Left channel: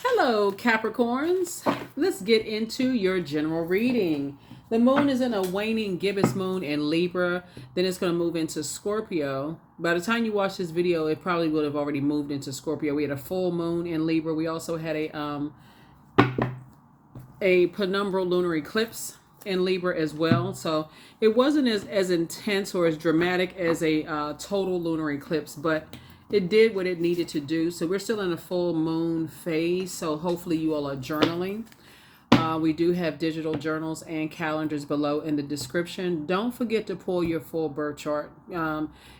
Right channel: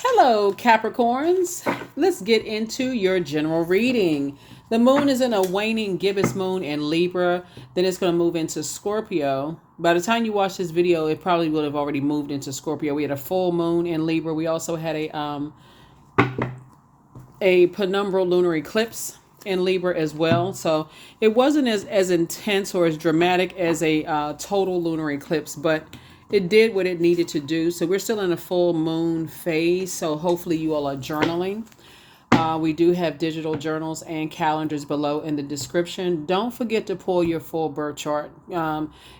Hello, Capricorns. Let's get into your general reading. The moon is in a waning gibbous moon in Libra. Then it's going to move into Scorpio. By the time you watch this video, it probably would have already moved into Scorpio. We had a full moon in Libra. We also had a penumbral lunar eclipse in Libra as well. So it wasn't as intense or as dramatic as a total lunar eclipse, but it did what it needed to do. So we're still in a full moon phase. So hopefully you all are journaling. We do have digital journals and calendars below in the description. Don't forget to pull your full birth chart.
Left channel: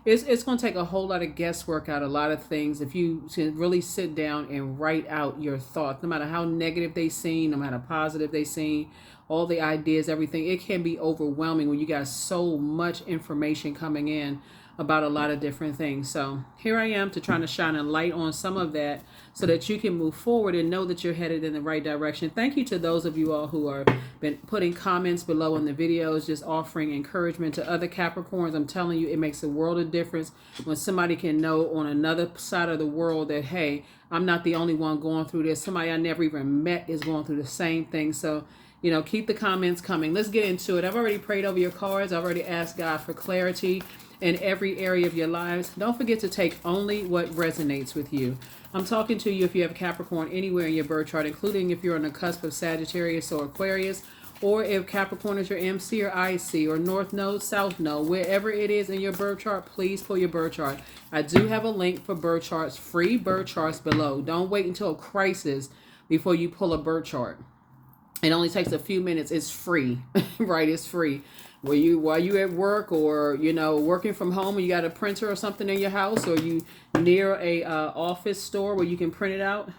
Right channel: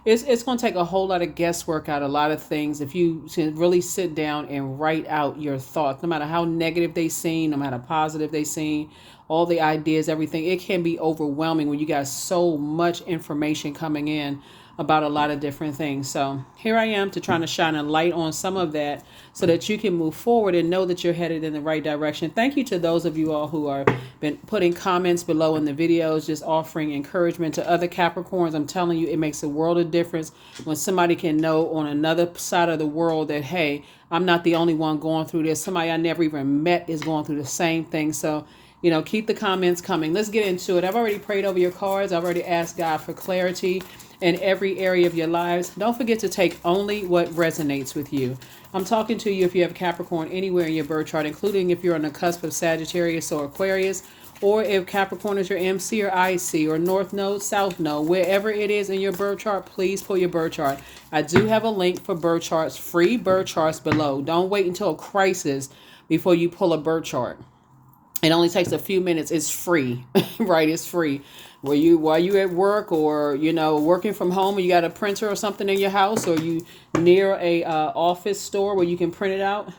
It's going to take a whole lot of guesswork out, a lot of things. If you can really sit down and write out your thoughts, no matter how negative they seem, no matter how positive they seem, all the ideas, everything, it can be overwhelming when you got so much information coming in about a lot of different things. So here I am to try to shine a light on some of that so that you can move forward and know that you're headed in the right direction. Thank you to those of you all who are been putting comments below in the videos, just offering encouragement to other Capricorns. I'm telling you, it makes a world of difference when somebody can know on another side of the world that, hey, I'm not the only one going through this. Somebody I never even met is going through the same thing. So, keep the comments coming. Let's get into it. I've already prayed over your cards. I've already asked God for clarity in every area of your lives. Don't forget to take only what resonates with you. I'm talking to you if you have Capricorn anywhere in your birth chart, including if you're on the cusp of Sagittarius or Aquarius, or if Capricorn is your MC or IC or North Node, South Node, wherever it is in your birth chart, please pull your birth chart. I do have a link for birth charts, free birth charts below. Don't wait until a crisis before you pull a birth chart. It only takes a few minutes. It's free, right? It's free. While you at work or working from home, and you got a printer or something in your house, or you near a office store where you can print it out.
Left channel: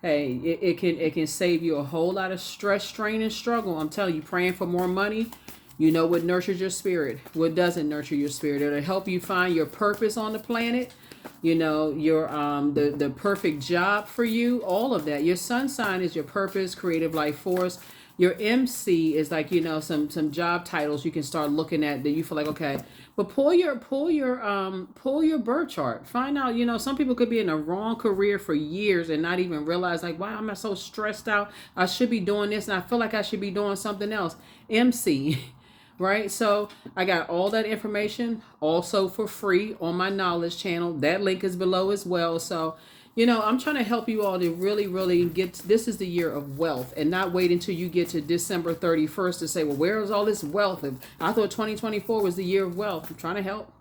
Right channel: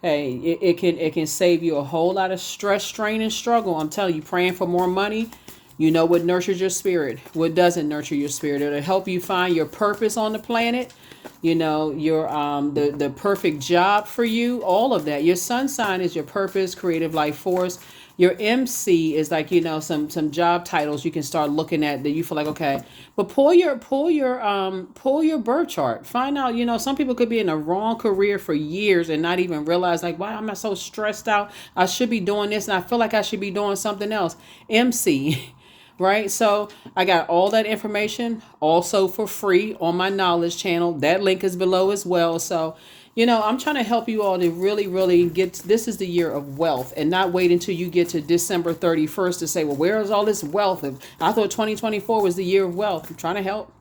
Hey, it can save you a whole lot of stress, strain, and struggle. I'm telling you, praying for more money. You know what nurtures your spirit, what doesn't nurture your spirit. It'll help you find your purpose on the planet. Your the perfect job for you, all of that. Your sun sign is your purpose, creative life force. Your MC is like, some job titles you can start looking at that you feel like, okay. But pull your birth chart. Find out, some people could be in the wrong career for years and not even realize, like, wow, I'm so stressed out. I should be doing this and I feel like I should be doing something else. MC. Right? So I got all that information also for free on my knowledge channel. That link is below as well. So, I'm trying to help you all to really, really this is the year of wealth, and not wait until you get to December 31st to say, well, where is all this wealth? And I thought 2024 was the year of wealth. I'm trying to help.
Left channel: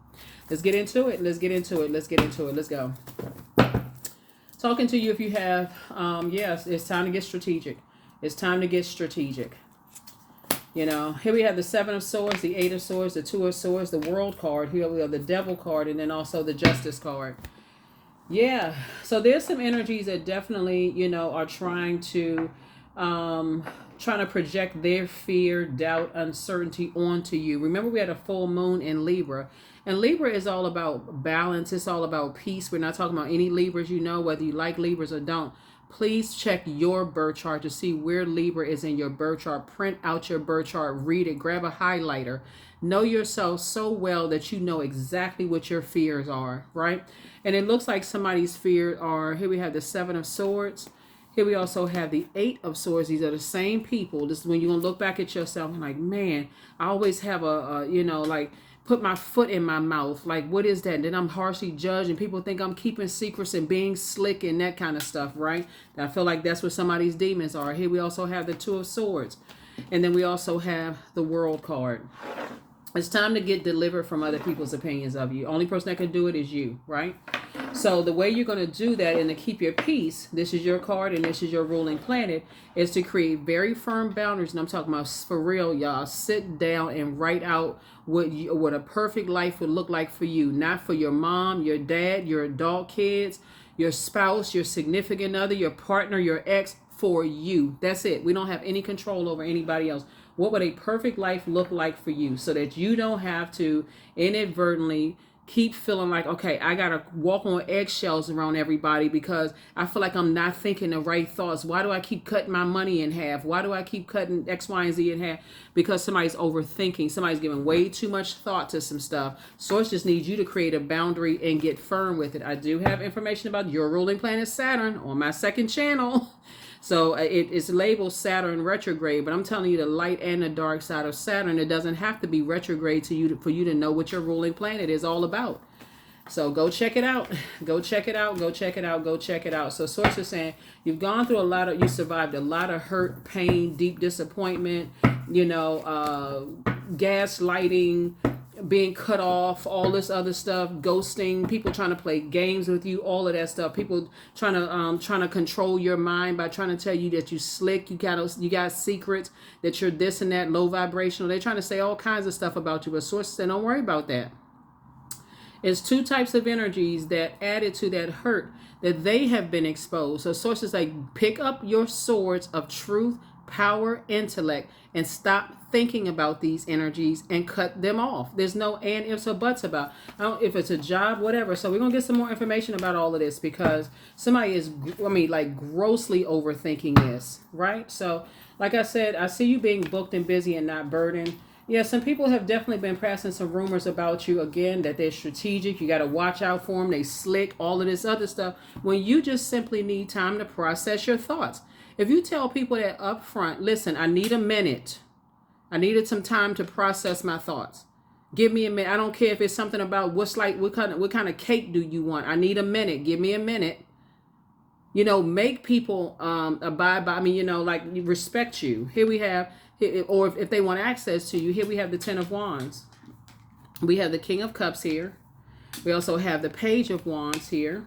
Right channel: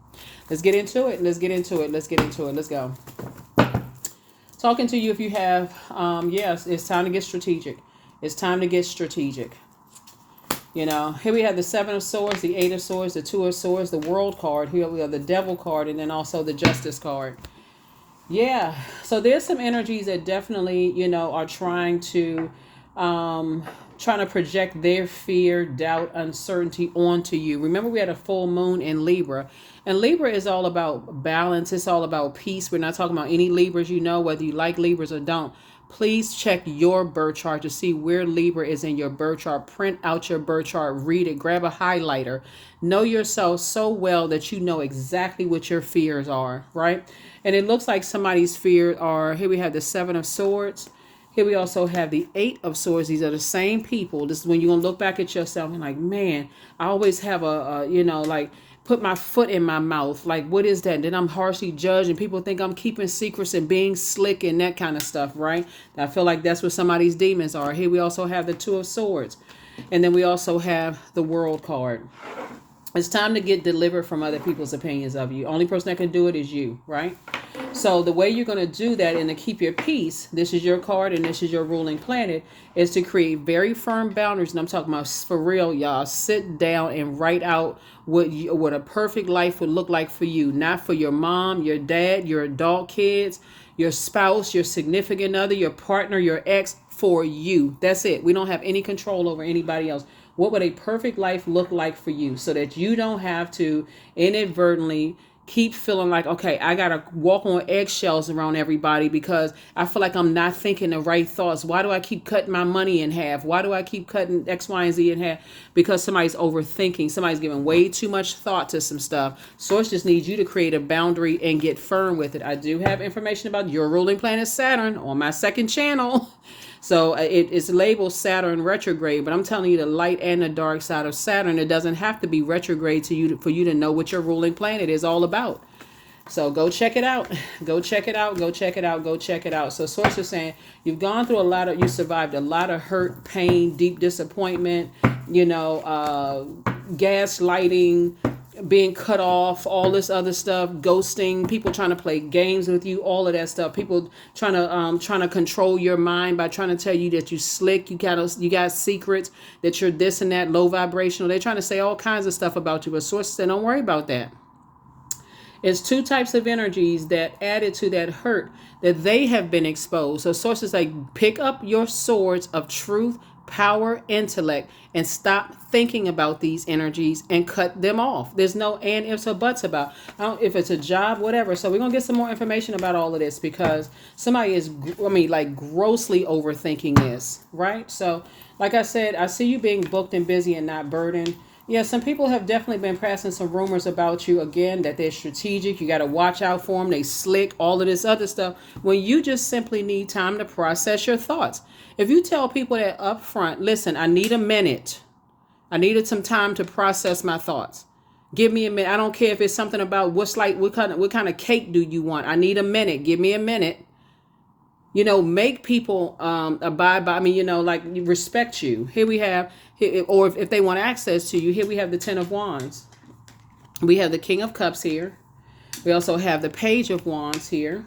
Let's get into it. Let's get into it. Let's go. Talking to you if you have, yes, it's time to get strategic. It's time to get strategic. Here we have the Seven of Swords, the Eight of Swords, the Two of Swords, the World card. Here we have the Devil card, and then also the Justice card. Yeah, so there's some energies that definitely, are trying to project their fear, doubt, uncertainty onto you. Remember, we had a full moon in Libra, and Libra is all about balance. It's all about peace. We're not talking about any Libras, whether you like Libras or don't. Please check your birth chart to see where Libra is in your birth chart. Print out your birth chart, read it, grab a highlighter. Know yourself so well that you know exactly what your fears are, right? And it looks like somebody's fears are, here we have the Seven of Swords. Here we also have the Eight of Swords. These are the same people. This is when you're going to look back at yourself and like, man, I always have put my foot in my mouth. Like, what is that? And then I'm harshly judged and people think I'm keeping secrets and being slick and that kind of stuff, right? I feel like that's what some of these demons are. Here we also have the Two of Swords. And then we also have the World card. It's time to get delivered from other people's opinions of you. Only person that can do it is you, right? So the way you're going to do that and to keep your peace, this is your card and this is your ruling planet, is to create very firm boundaries. And I'm talking about for real, y'all. Sit down and write out what a perfect life would look like for you. Not for your mom, your dad, your adult kids, your spouse, your significant other, your partner, your ex, for you. That's it. We don't have any control over anybody else. What would a perfect life look like for you so that you don't have to inadvertently keep feeling like, okay, I got to walk on eggshells around everybody because I feel like I'm not thinking the right thoughts. Why do I keep cutting my money in half? Why do I keep cutting X, Y, and Z in half? Because somebody's overthinking. Somebody's giving way too much thought to some stuff. Source just needs you to create a boundary and get firm with it. I do have information about your ruling planet Saturn on my second channel. So it's labeled Saturn retrograde, but I'm telling you the light and the dark side of Saturn. It doesn't have to be retrograde for you to know what your ruling planet is all about. So go check it out. Go check it out. Go check it out. Go check it out. So Source is saying you've gone through you survived a lot of hurt, pain, deep disappointment, gaslighting, being cut off, all this other stuff, ghosting, people trying to play games with you, all of that stuff, people trying to control your mind by trying to tell you that you slick, you got secrets, that you're this and that, low vibrational. They're trying to say all kinds of stuff about you, but Source said don't worry about that. It's two types of energies that added to that hurt that they have been exposed. So Source is like, pick up your swords of truth, power, intellect, and stop thinking about these energies and cut them off. There's no and ifs or buts about if it's a job, whatever. So we're gonna get some more information about all of this because somebody is, grossly overthinking this, right? So like I said, I see you being booked and busy and not burdened. Yeah, some people have definitely been passing some rumors about you, again, that they're strategic. You got to watch out for them. They slick, all of this other stuff. When you just simply need time to process your thoughts. If you tell people that up front, listen, I need a minute. I needed some time to process my thoughts. Give me a minute. I don't care if it's something about what kind of cake do you want? I need a minute. Give me a minute. Make people abide by, respect you. Here we have, or if they want access to you, here we have the Ten of Wands. We have the King of Cups here. We also have the Page of Wands here.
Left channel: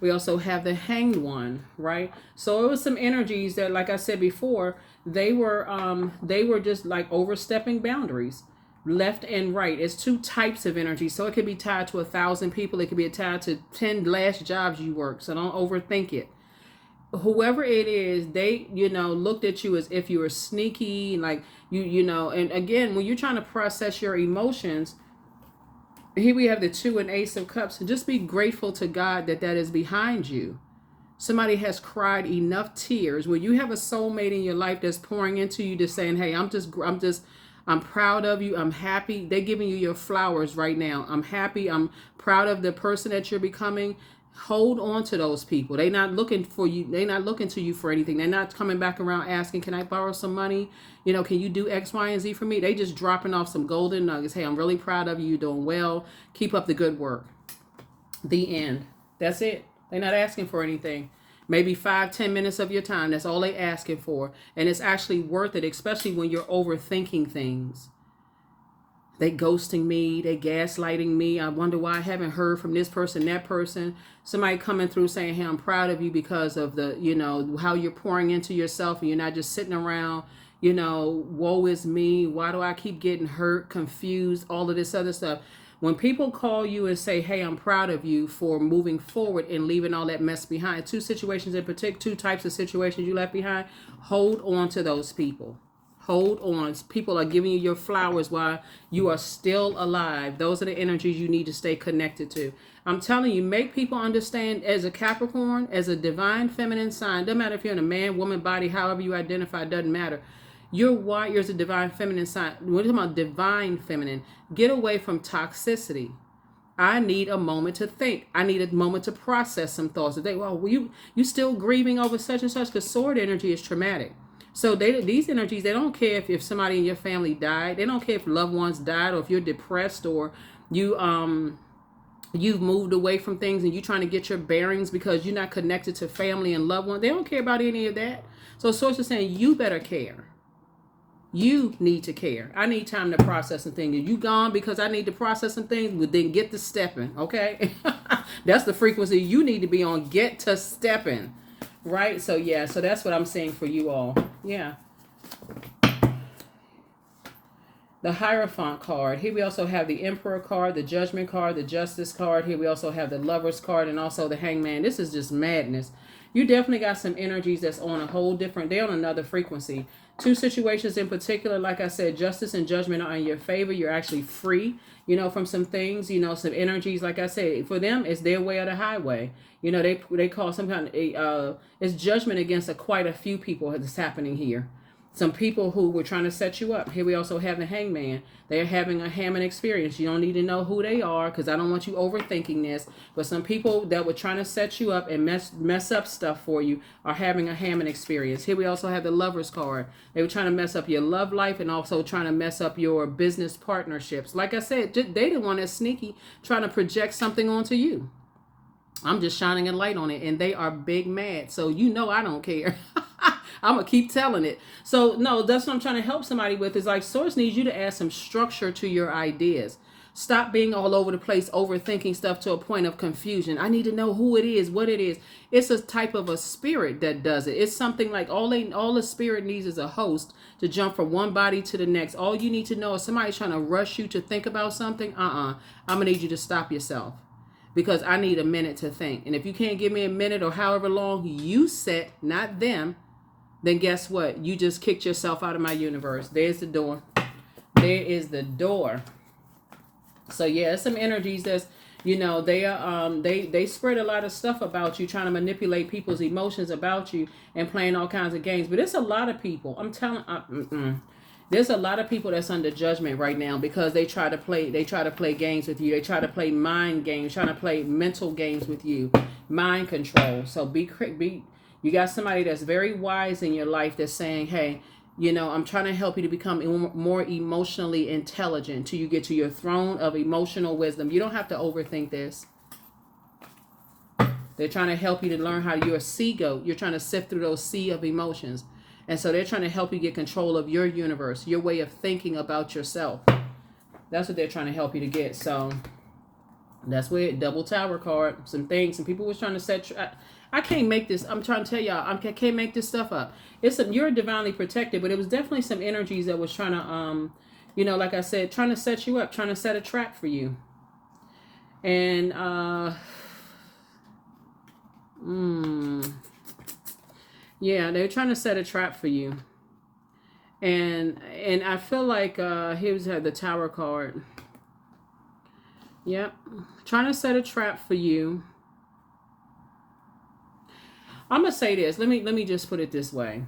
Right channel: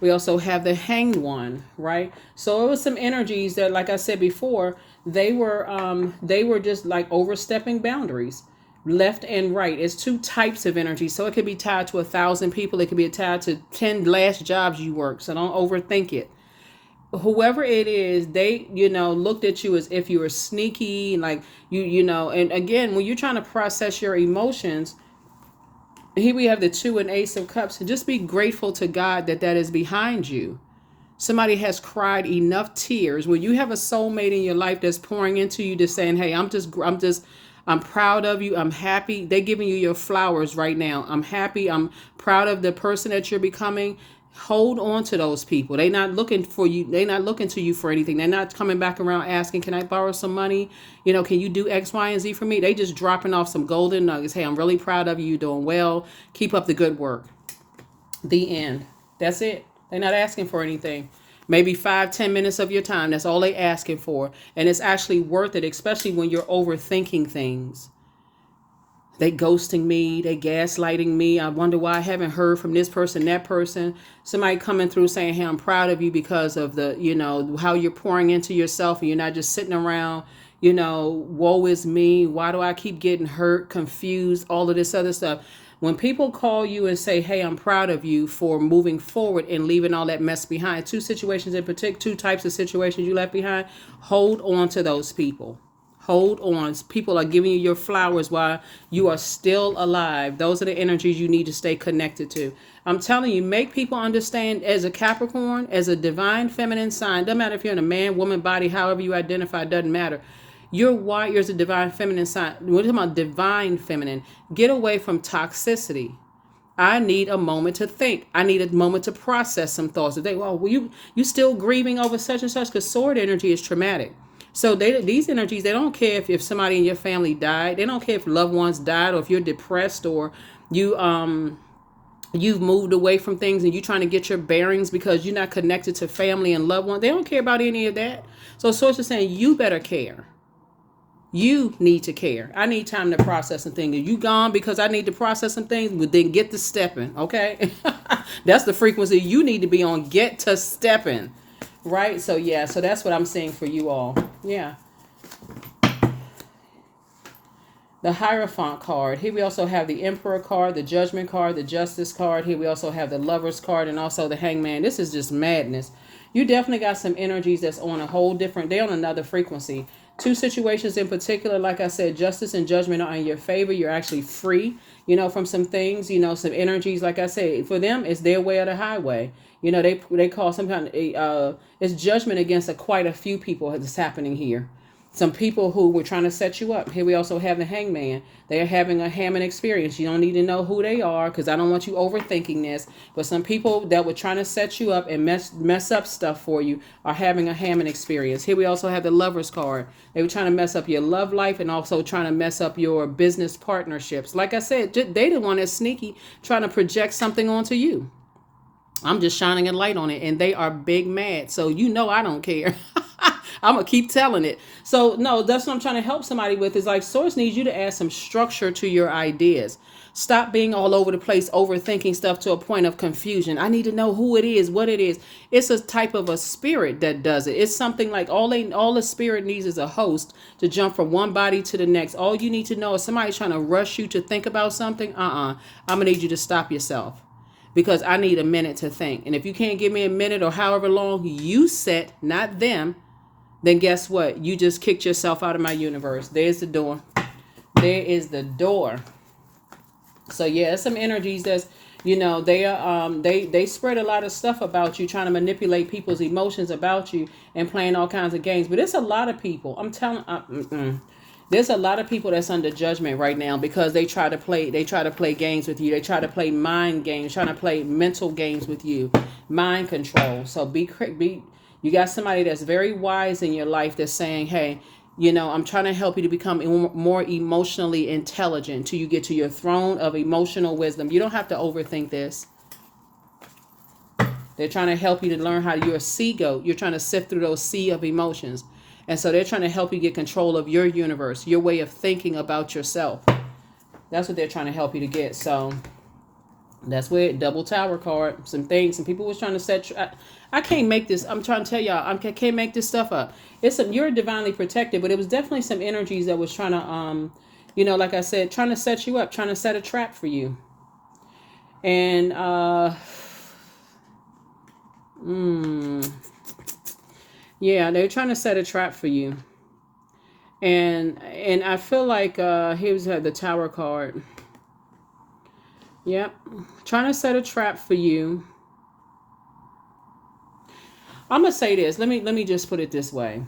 We also have the Hanged One, right? So it was some energies that, like I said before, they were just like overstepping boundaries, left and right. It's two types of energy. So it could be tied to 1,000 people. It could be tied to 10 last jobs you work. So don't overthink it. Whoever it is, they, looked at you as if you were sneaky, like and again, when you're trying to process your emotions, here we have the 2 and Ace of Cups, and just be grateful to God that is behind you. Somebody has cried enough tears. When you have a soulmate in your life that's pouring into you, just saying, hey, I'm proud of you. I'm happy. They're giving you your flowers right now. I'm happy. I'm proud of the person that you're becoming. Hold on to those people. They're not looking for you. They're not looking to you for anything. They're not coming back around asking, can I borrow some money? Can you do X, Y, and Z for me? They just dropping off some golden nuggets. Hey, I'm really proud of you. You're doing well. Keep up the good work. The end. That's it. They're not asking for anything. Maybe 5-10 minutes of your time. That's all they're asking for. And it's actually worth it, especially when you're overthinking things. They ghosting me. They gaslighting me. I wonder why I haven't heard from this person, that person. Somebody coming through saying, hey, I'm proud of you because of the, how you're pouring into yourself and you're not just sitting around, woe is me. Why do I keep getting hurt, confused, all of this other stuff? When people call you and say, hey, I'm proud of you for moving forward and leaving all that mess behind, 2 situations in particular, 2 types of situations you left behind, hold on to those people. Hold on. People are giving you your flowers while you are still alive. Those are the energies you need to stay connected to. I'm telling you, make people understand, as a Capricorn, as a divine feminine sign, doesn't matter if you're in a man, woman body, however you identify, doesn't matter. You're wired as a divine feminine sign. We're talking about divine feminine. Get away from toxicity. I need a moment to think. I need a moment to process some thoughts. If you still grieving over such and such, because sword energy is traumatic. So these energies, they don't care if somebody in your family died. They don't care if loved ones died, or if you're depressed, or you've moved away from things and you're trying to get your bearings because you're not connected to family and loved ones. They don't care about any of that. So Source is saying you better care. You need to care. I need time to process some things. If you gone because I need to process some things, well, then get to stepping, okay? That's the frequency you need to be on. Get to stepping, right? So yeah, so that's what I'm saying for you all. Yeah. The Hierophant card. Here we also have the Emperor card, the Judgment card, the Justice card. Here we also have the Lovers card and also the Hangman. This is just madness. You definitely got some energies that's on a whole different, they're on another frequency. 2 situations in particular, like I said, Justice and Judgment are in your favor. You're actually free. from some things, some energies. Like I said, for them, it's their way or the highway. They call some kind of it's judgment against quite a few people that's happening here. Some people who were trying to set you up. Here we also have the hangman. They're having a Hammond experience. You don't need to know who they are because I don't want you overthinking this. But some people that were trying to set you up and mess up stuff for you are having a Hammond experience. Here we also have the Lover's card. They were trying to mess up your love life and also trying to mess up your business partnerships. Like I said, they the one that's sneaky trying to project something onto you. I'm just shining a light on it, and they are big mad. So I don't care. I'm going to keep telling it. So, no, that's what I'm trying to help somebody with is like Source needs you to add some structure to your ideas. Stop being all over the place, overthinking stuff to a point of confusion. I need to know who it is, what it is. It's a type of a spirit that does it. It's something like all the spirit needs is a host to jump from one body to the next. All you need to know is somebody trying to rush you to think about something. I'm going to need you to stop yourself. Because I need a minute to think. And if you can't give me a minute or however long you set, not them, then guess what? You just kicked yourself out of my universe. There's the door. There is the door. So yeah, some energies that's, they are they spread a lot of stuff about you, trying to manipulate people's emotions about you and playing all kinds of games. But it's a lot of people. I'm telling there's a lot of people that's under judgment right now because they try to play games with you. They try to play mind games, trying to play mental games with you, mind control. So you got somebody that's very wise in your life that's saying, hey, I'm trying to help you to become more emotionally intelligent till you get to your throne of emotional wisdom. You don't have to overthink this. They're trying to help you to learn how you're a sea goat. You're trying to sift through those sea of emotions. And so they're trying to help you get control of your universe, your way of thinking about yourself. That's what they're trying to help you to get. So that's where double tower card, some people was trying to set. I can't make this. I'm trying to tell y'all, I can't make this stuff up. You're divinely protected, but it was definitely some energies that was trying to, like I said, trying to set you up, trying to set a trap for you. And, yeah, they're trying to set a trap for you. And I feel like here's the Tower card. Yep. Trying to set a trap for you. I'm going to say this. Let me just put it this way.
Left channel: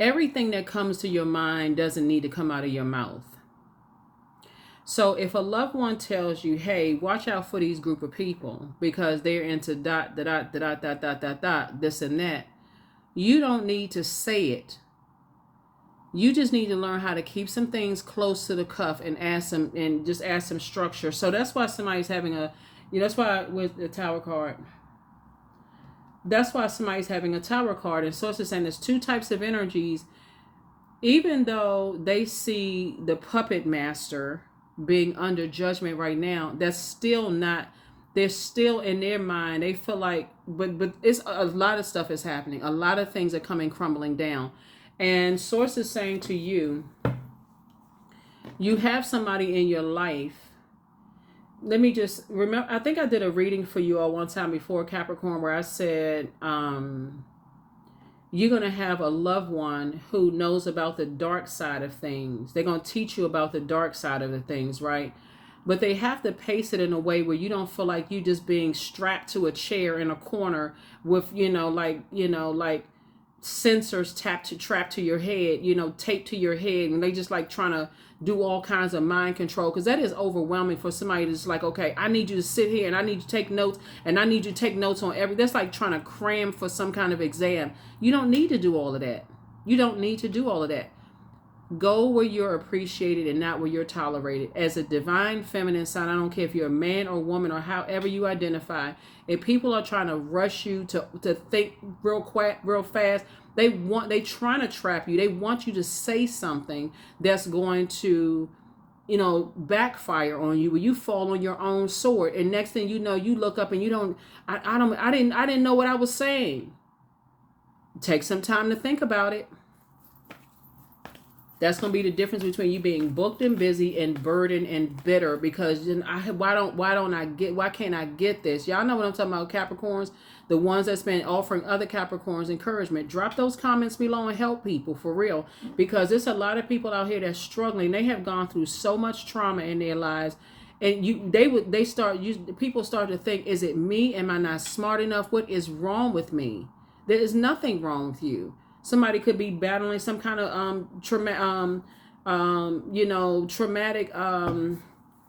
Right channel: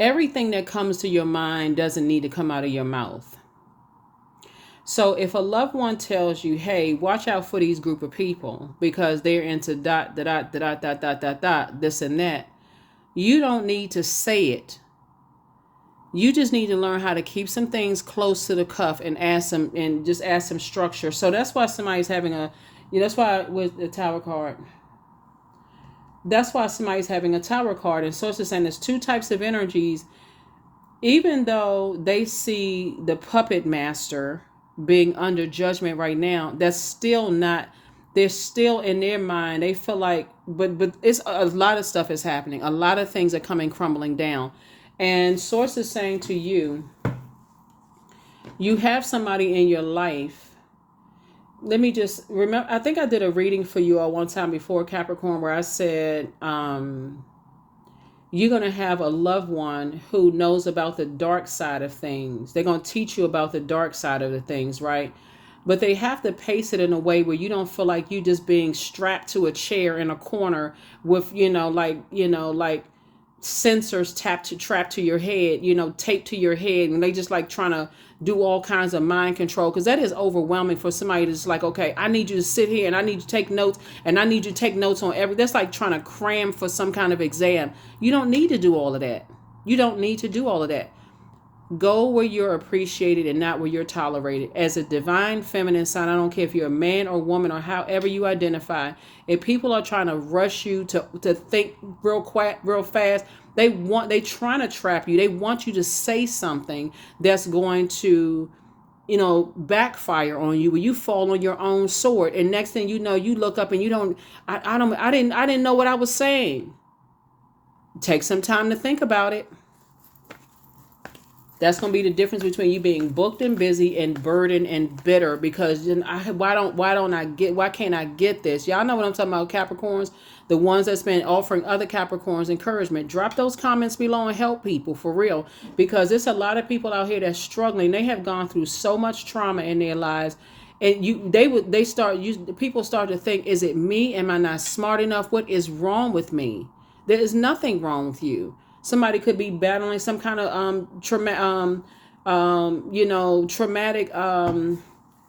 Everything that comes to your mind doesn't need to come out of your mouth. So if a loved one tells you, hey, watch out for these group of people because they're into this and that, you don't need to say it. You just need to learn how to keep some things close to the cuff and add some structure. So that's why somebody's having that's why with the Tower card. That's why somebody's having a Tower card. And Source is saying there's two types of energies. Even though they see the puppet master being under judgment right now, that's still not, they're still in their mind. They feel like, but it's a lot of stuff is happening. A lot of things are crumbling down. And Source is saying to you, you have somebody in your life. Let me just remember, I think I did a reading for you all one time before, Capricorn, where I said, you're going to have a loved one who knows about the dark side of things. They're going to teach you about the dark side of the things, right? But they have to pace it in a way where you don't feel like you just being strapped to a chair in a corner with, like sensors trapped to your head, taped to your head. And they just like trying to do all kinds of mind control, because that is overwhelming for somebody that's like, okay, I need you to sit here and I need you to take notes and I need you to take notes on that's like trying to cram for some kind of exam. You don't need to do all of that. You don't need to do all of that. Go where you're appreciated and not where you're tolerated. As a divine feminine sign, I don't care if you're a man or woman or however you identify, if people are trying to rush you to think real fast, they trying to trap you. They want you to say something that's going to, backfire on you, where you fall on your own sword. And next thing you know, you look up and I didn't know what I was saying. Take some time to think about it. That's going to be the difference between you being booked and busy and burdened and bitter, because why can't I get this? Y'all know what I'm talking about, Capricorns. The ones that's been offering other Capricorns encouragement, drop those comments below and help people for real, because there's a lot of people out here that's struggling. They have gone through so much trauma in their lives, and people start to think, is it me? Am I not smart enough? What is wrong with me? There is nothing wrong with you. Somebody could be battling some kind of traumatic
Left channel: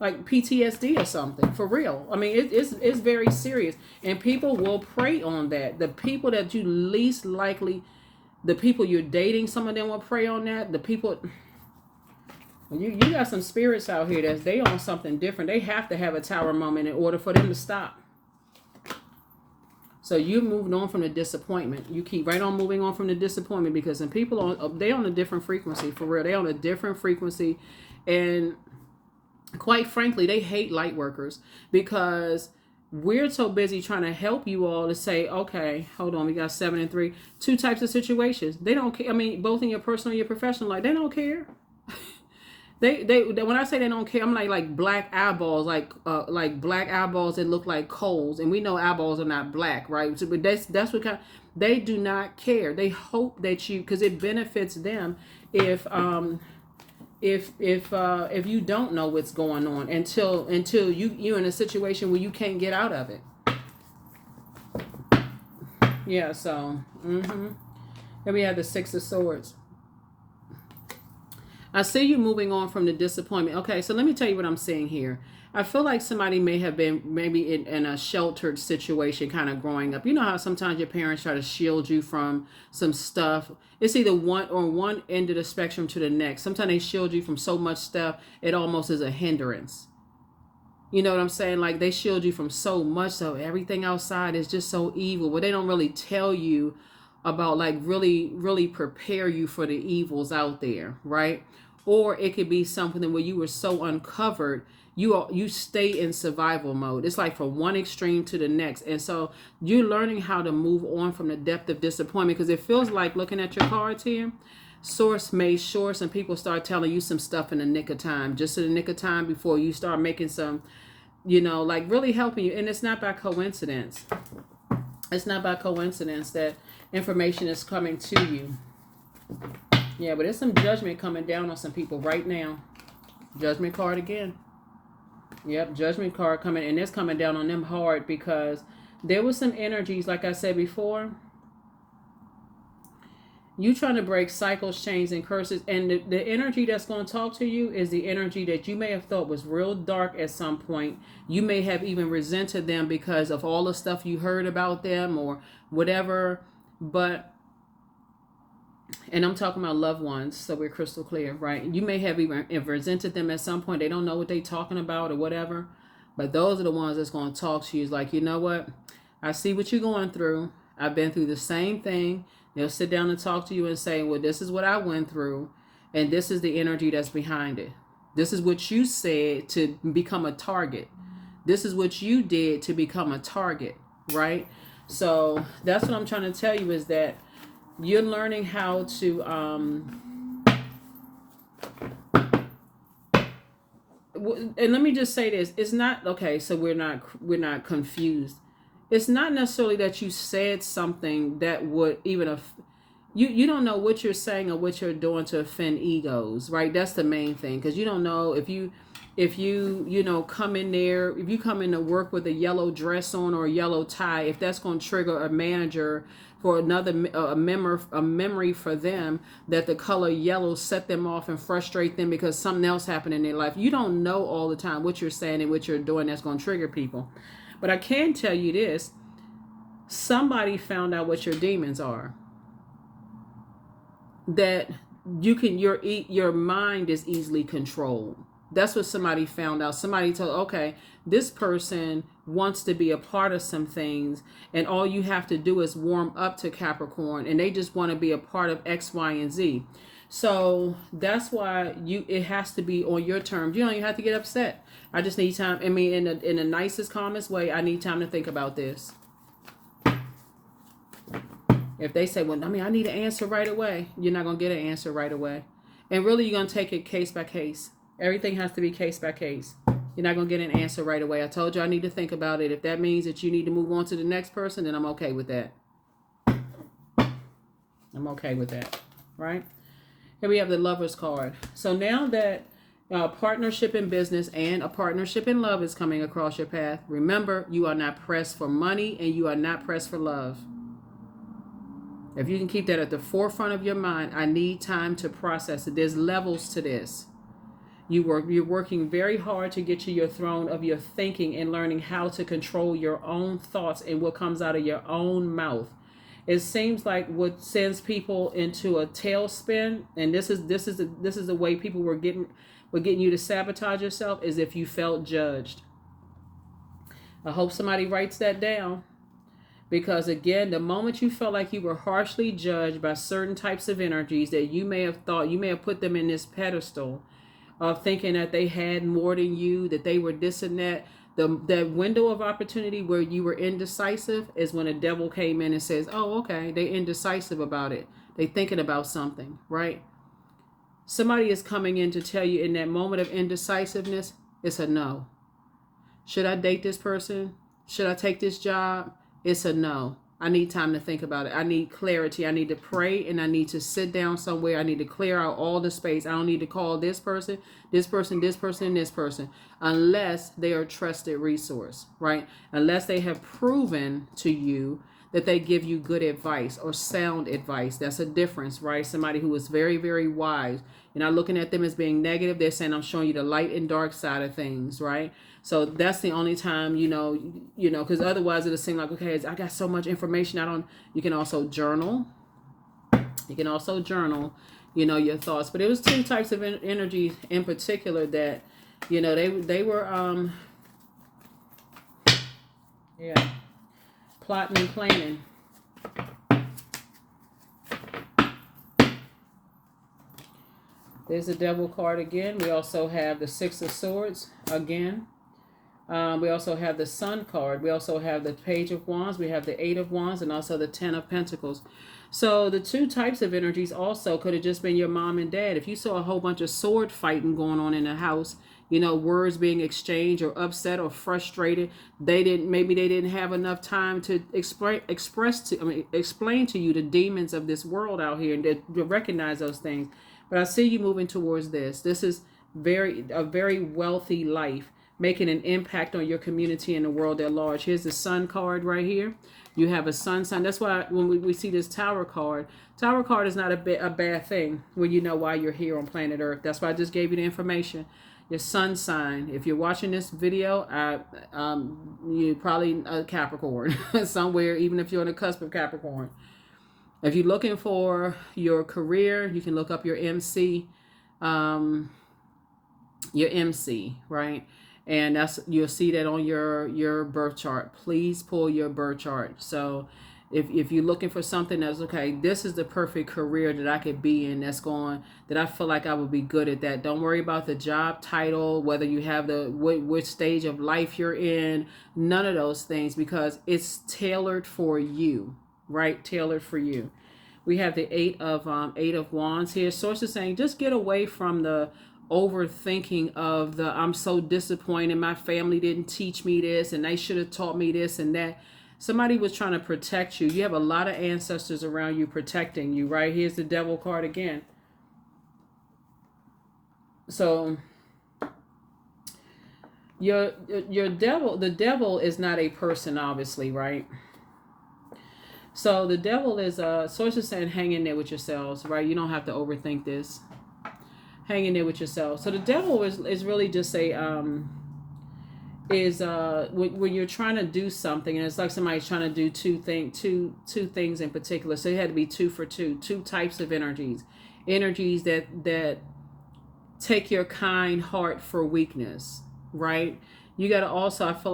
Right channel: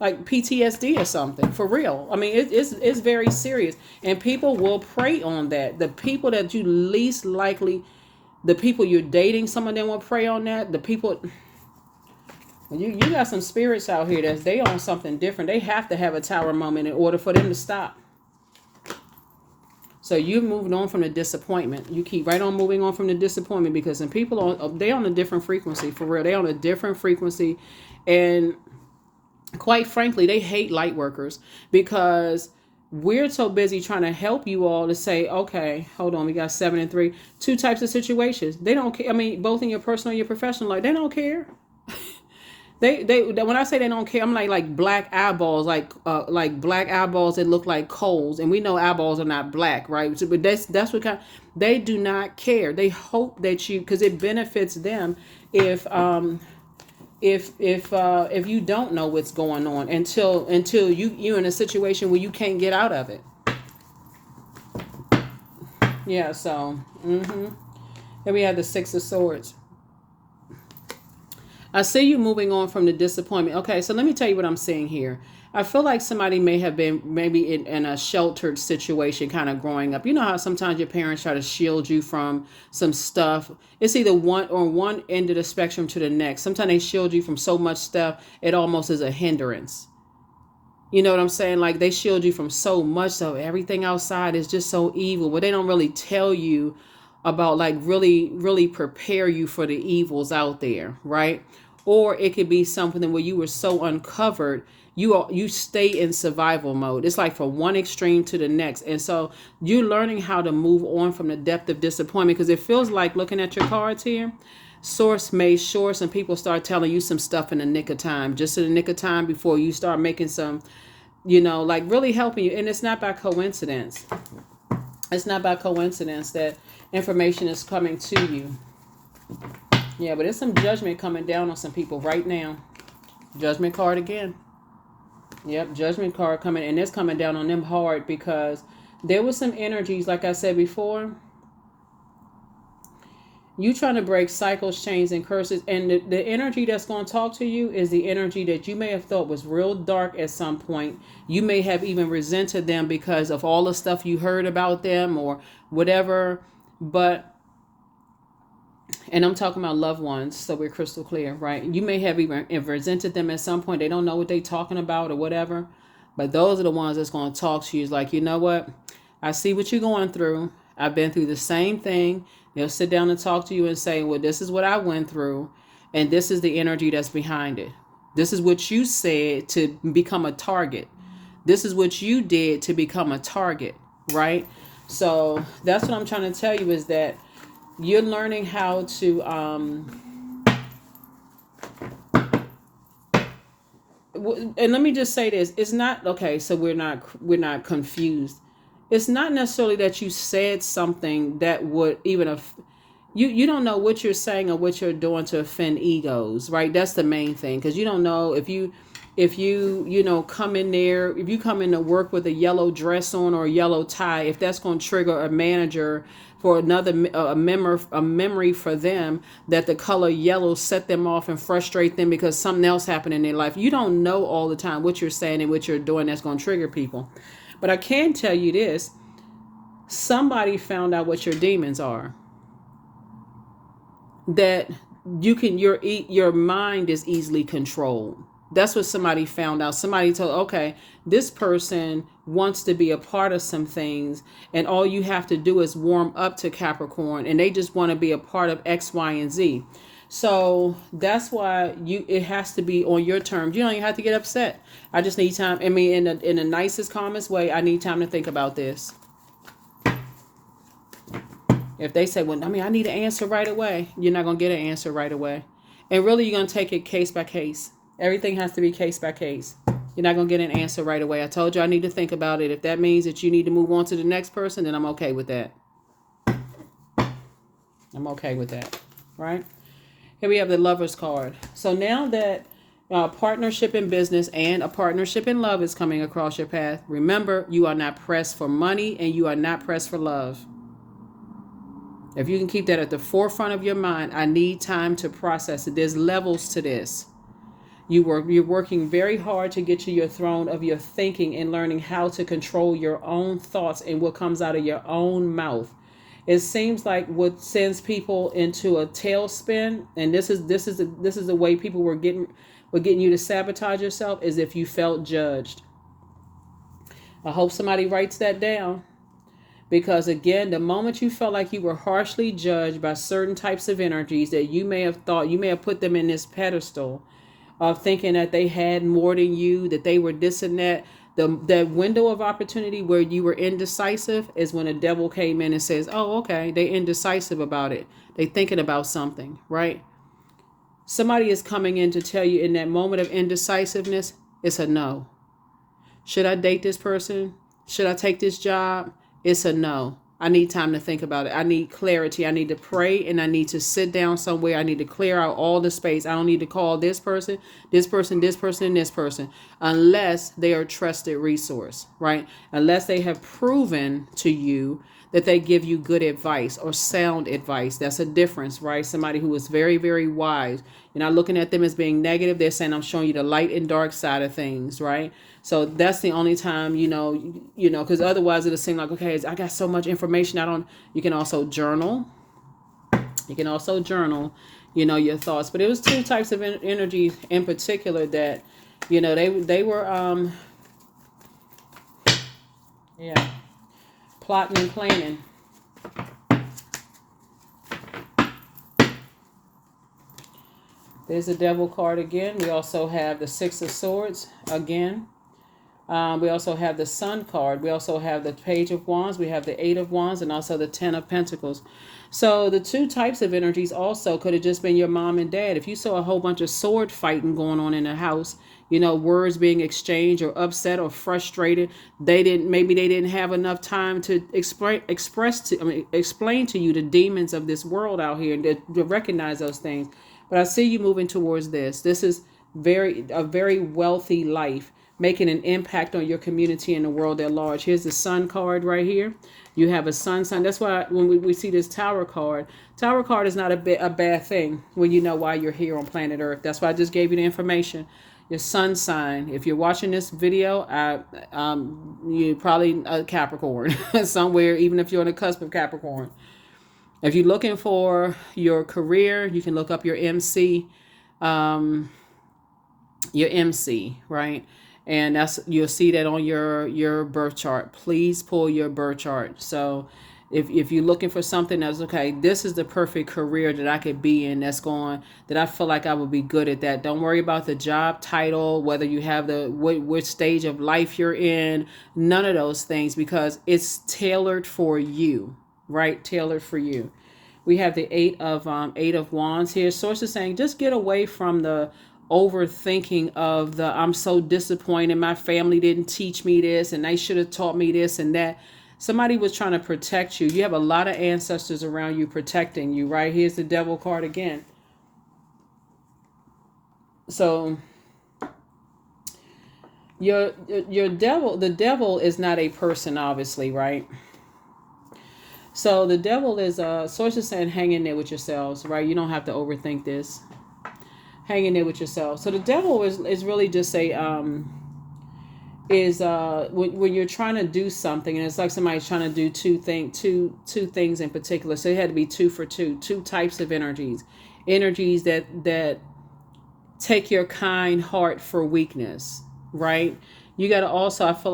like PTSD or something, for real. I mean, it's very serious, and people will prey on that. The people that you least likely, the people you're dating, some of them will prey on that. The people, you got some spirits out here that they on something different. They have to have a tower moment in order for them to stop. So you're moving on from the disappointment. You keep right on moving on from the disappointment, because some people they on a different frequency, for real. They on a different frequency, and quite frankly, they hate light workers, because we're so busy trying to help you all to say, okay, hold on, we got 7 and 3, 2 types of situations. They don't care. I mean, both in your personal and your professional life, they don't care. They when I say they don't care, I'm like black eyeballs, like black eyeballs that look like coals, and we know eyeballs are not black, right? So, but that's what kind. They do not care. They hope that you, because it benefits them if you don't know what's going on until you're in a situation where you can't get out of it. Yeah. So here we have the 6 of Swords. I see you moving on from the disappointment. Okay, so let me tell you what I'm seeing here. I feel like somebody may have been maybe in a sheltered situation kind of growing up. You know how sometimes your parents try to shield you from some stuff. It's either one end of the spectrum to the next. Sometimes they shield you from so much stuff, it almost is a hindrance. You know what I'm saying? Like they shield you from so much stuff. Everything outside is just so evil. But they don't really tell you about, like, really, really prepare you for the evils out there, right? Or it could be something where you were so uncovered, you stay in survival mode. It's like from one extreme to the next. And so you're learning how to move on from the depth of disappointment, because it feels like, looking at your cards here, Source made sure some people start telling you some stuff in the nick of time, just in the nick of time before you start making some, like really helping you. And it's not by coincidence. It's not by coincidence that information is coming to you. Yeah, but there's some judgment coming down on some people right now. Judgment card again. Yep, judgment card coming, and it's coming down on them hard, because there was some energies, like I said before. You trying to break cycles, chains, and curses, and the energy that's going to talk to you is the energy that you may have thought was real dark at some point. You may have even resented them because of all the stuff you heard about them or whatever, but... And I'm talking about loved ones, so we're crystal clear, right? You may have even resented them at some point. They don't know what they're talking about or whatever. But those are the ones that's going to talk to you. It's like, you know what? I see what you're going through. I've been through the same thing. They'll sit down and talk to you and say, well, this is what I went through. And this is the energy that's behind it. This is what you said to become a target. This is what you did to become a target, right? So that's what I'm trying to tell you, is that you're learning how to and let me just say this, it's not okay, so we're not confused. It's not necessarily that you said something that would even you don't know what you're saying or what you're doing to offend egos, right? That's the main thing, because you don't know if you come in there, if you come in to work with a yellow dress on or a yellow tie, if that's going to trigger a manager for a memory for them, that the color yellow set them off and frustrate them because something else happened in their life. You don't know all the time what you're saying and what you're doing that's going to trigger people. But I can tell you this: somebody found out what your demons are. That your mind is easily controlled. That's what somebody found out. Somebody told, okay, this person wants to be a part of some things, and all you have to do is warm up to Capricorn, and they just want to be a part of X, Y, and Z. So that's why it has to be on your terms. You don't even have to get upset. I just need time. I mean, in the nicest, calmest way, I need time to think about this. If they say, well, I mean, I need an answer right away, you're not going to get an answer right away. And really, you're going to take it case by case. Everything has to be case by case. You're not going to get an answer right away. I told you I need to think about it. If that means that you need to move on to the next person, then I'm okay with that. I'm okay with that, right? Here we have the Lover's card. So now that partnership in business and a partnership in love is coming across your path, remember, you are not pressed for money and you are not pressed for love. If you can keep that at the forefront of your mind, I need time to process it. There's levels to this. You're working very hard to get to your throne of your thinking and learning how to control your own thoughts and what comes out of your own mouth. It seems like what sends people into a tailspin, and this is the way people were getting you to sabotage yourself, is if you felt judged. I hope somebody writes that down. Because again, the moment you felt like you were harshly judged by certain types of energies that you may have put them in this pedestal of thinking that they had more than you, that they were this and that. That window of opportunity where you were indecisive is when a devil came in and says, oh, okay, they're indecisive about it. They thinking about something, right? Somebody is coming in to tell you in that moment of indecisiveness, it's a no. Should I date this person? Should I take this job? It's a no. I need time to think about it. I need clarity. I need to pray and I need to sit down somewhere. I need to clear out all the space. I don't need to call this person, this person, this person, and this person unless they are a trusted resource, right? Unless they have proven to you that they give you good advice or sound advice. That's a difference, right? Somebody who is very, very wise. You're not looking at them as being negative. They're saying, I'm showing you the light and dark side of things, right? So that's the only time, because otherwise it'll seem like, okay, I got so much information. You can also journal. You can also journal, your thoughts. But it was two types of energy in particular that, they were, plotting and planning. There's the Devil card again. We also have the Six of Swords again. We also have the Sun card. We also have the Page of Wands. We have the Eight of Wands and also the Ten of Pentacles. So the two types of energies also could have just been your mom and dad. If you saw a whole bunch of sword fighting going on in the house, words being exchanged or upset or frustrated, maybe they didn't have enough time to explain to you the demons of this world out here and to recognize those things. But I see you moving towards this. This is a very wealthy life, making an impact on your community and the world at large. Here's the Sun card right here. You have a sun. That's why when we see this Tower card is not a bad thing when you know why you're here on planet Earth. That's why I just gave you the information. Your sun sign. If you're watching this video, you're probably a Capricorn somewhere, even if you're on the cusp of Capricorn. If you're looking for your career, you can look up your MC, right? And you'll see that on your birth chart. Please pull your birth chart. So if you're looking for something that's okay, this is the perfect career that I could be in, that I feel like I would be good at that. Don't worry about the job title, whether you have which stage of life you're in, none of those things, because it's tailored for you, right? Tailored for you. We have the Eight of Wands here. Source is saying, just get away from the overthinking of I'm so disappointed my family didn't teach me this and they should have taught me this and that. Somebody was trying to protect you. You have a lot of ancestors around you protecting you, right? Here's the Devil card again. So the devil is not a person, obviously, right? So the devil is source is saying, hang in there with yourselves, right? You don't have to overthink this. Hang in there with yourself. So the devil is really just when you're trying to do something, and it's like somebody's trying to do two things in particular. So it had to be two types of energies that take your kind heart for weakness, right? You got to also, I feel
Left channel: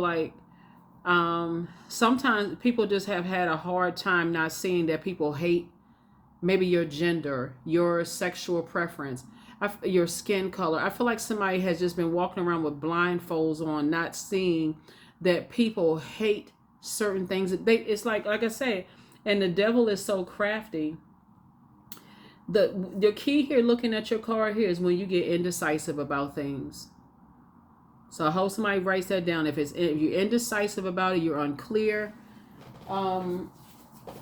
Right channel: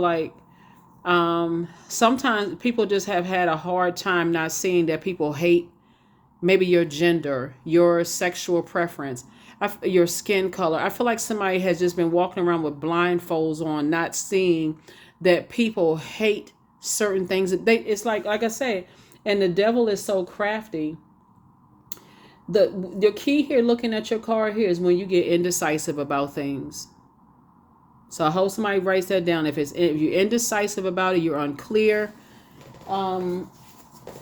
like sometimes people just have had a hard time not seeing that people hate maybe your gender, your sexual preference, your skin color. I feel like somebody has just been walking around with blindfolds on, not seeing that people hate certain things. It's like I said, and the devil is so crafty. The key here, looking at your card here, is when you get indecisive about things. So I hope somebody writes that down. If you're indecisive about it, you're unclear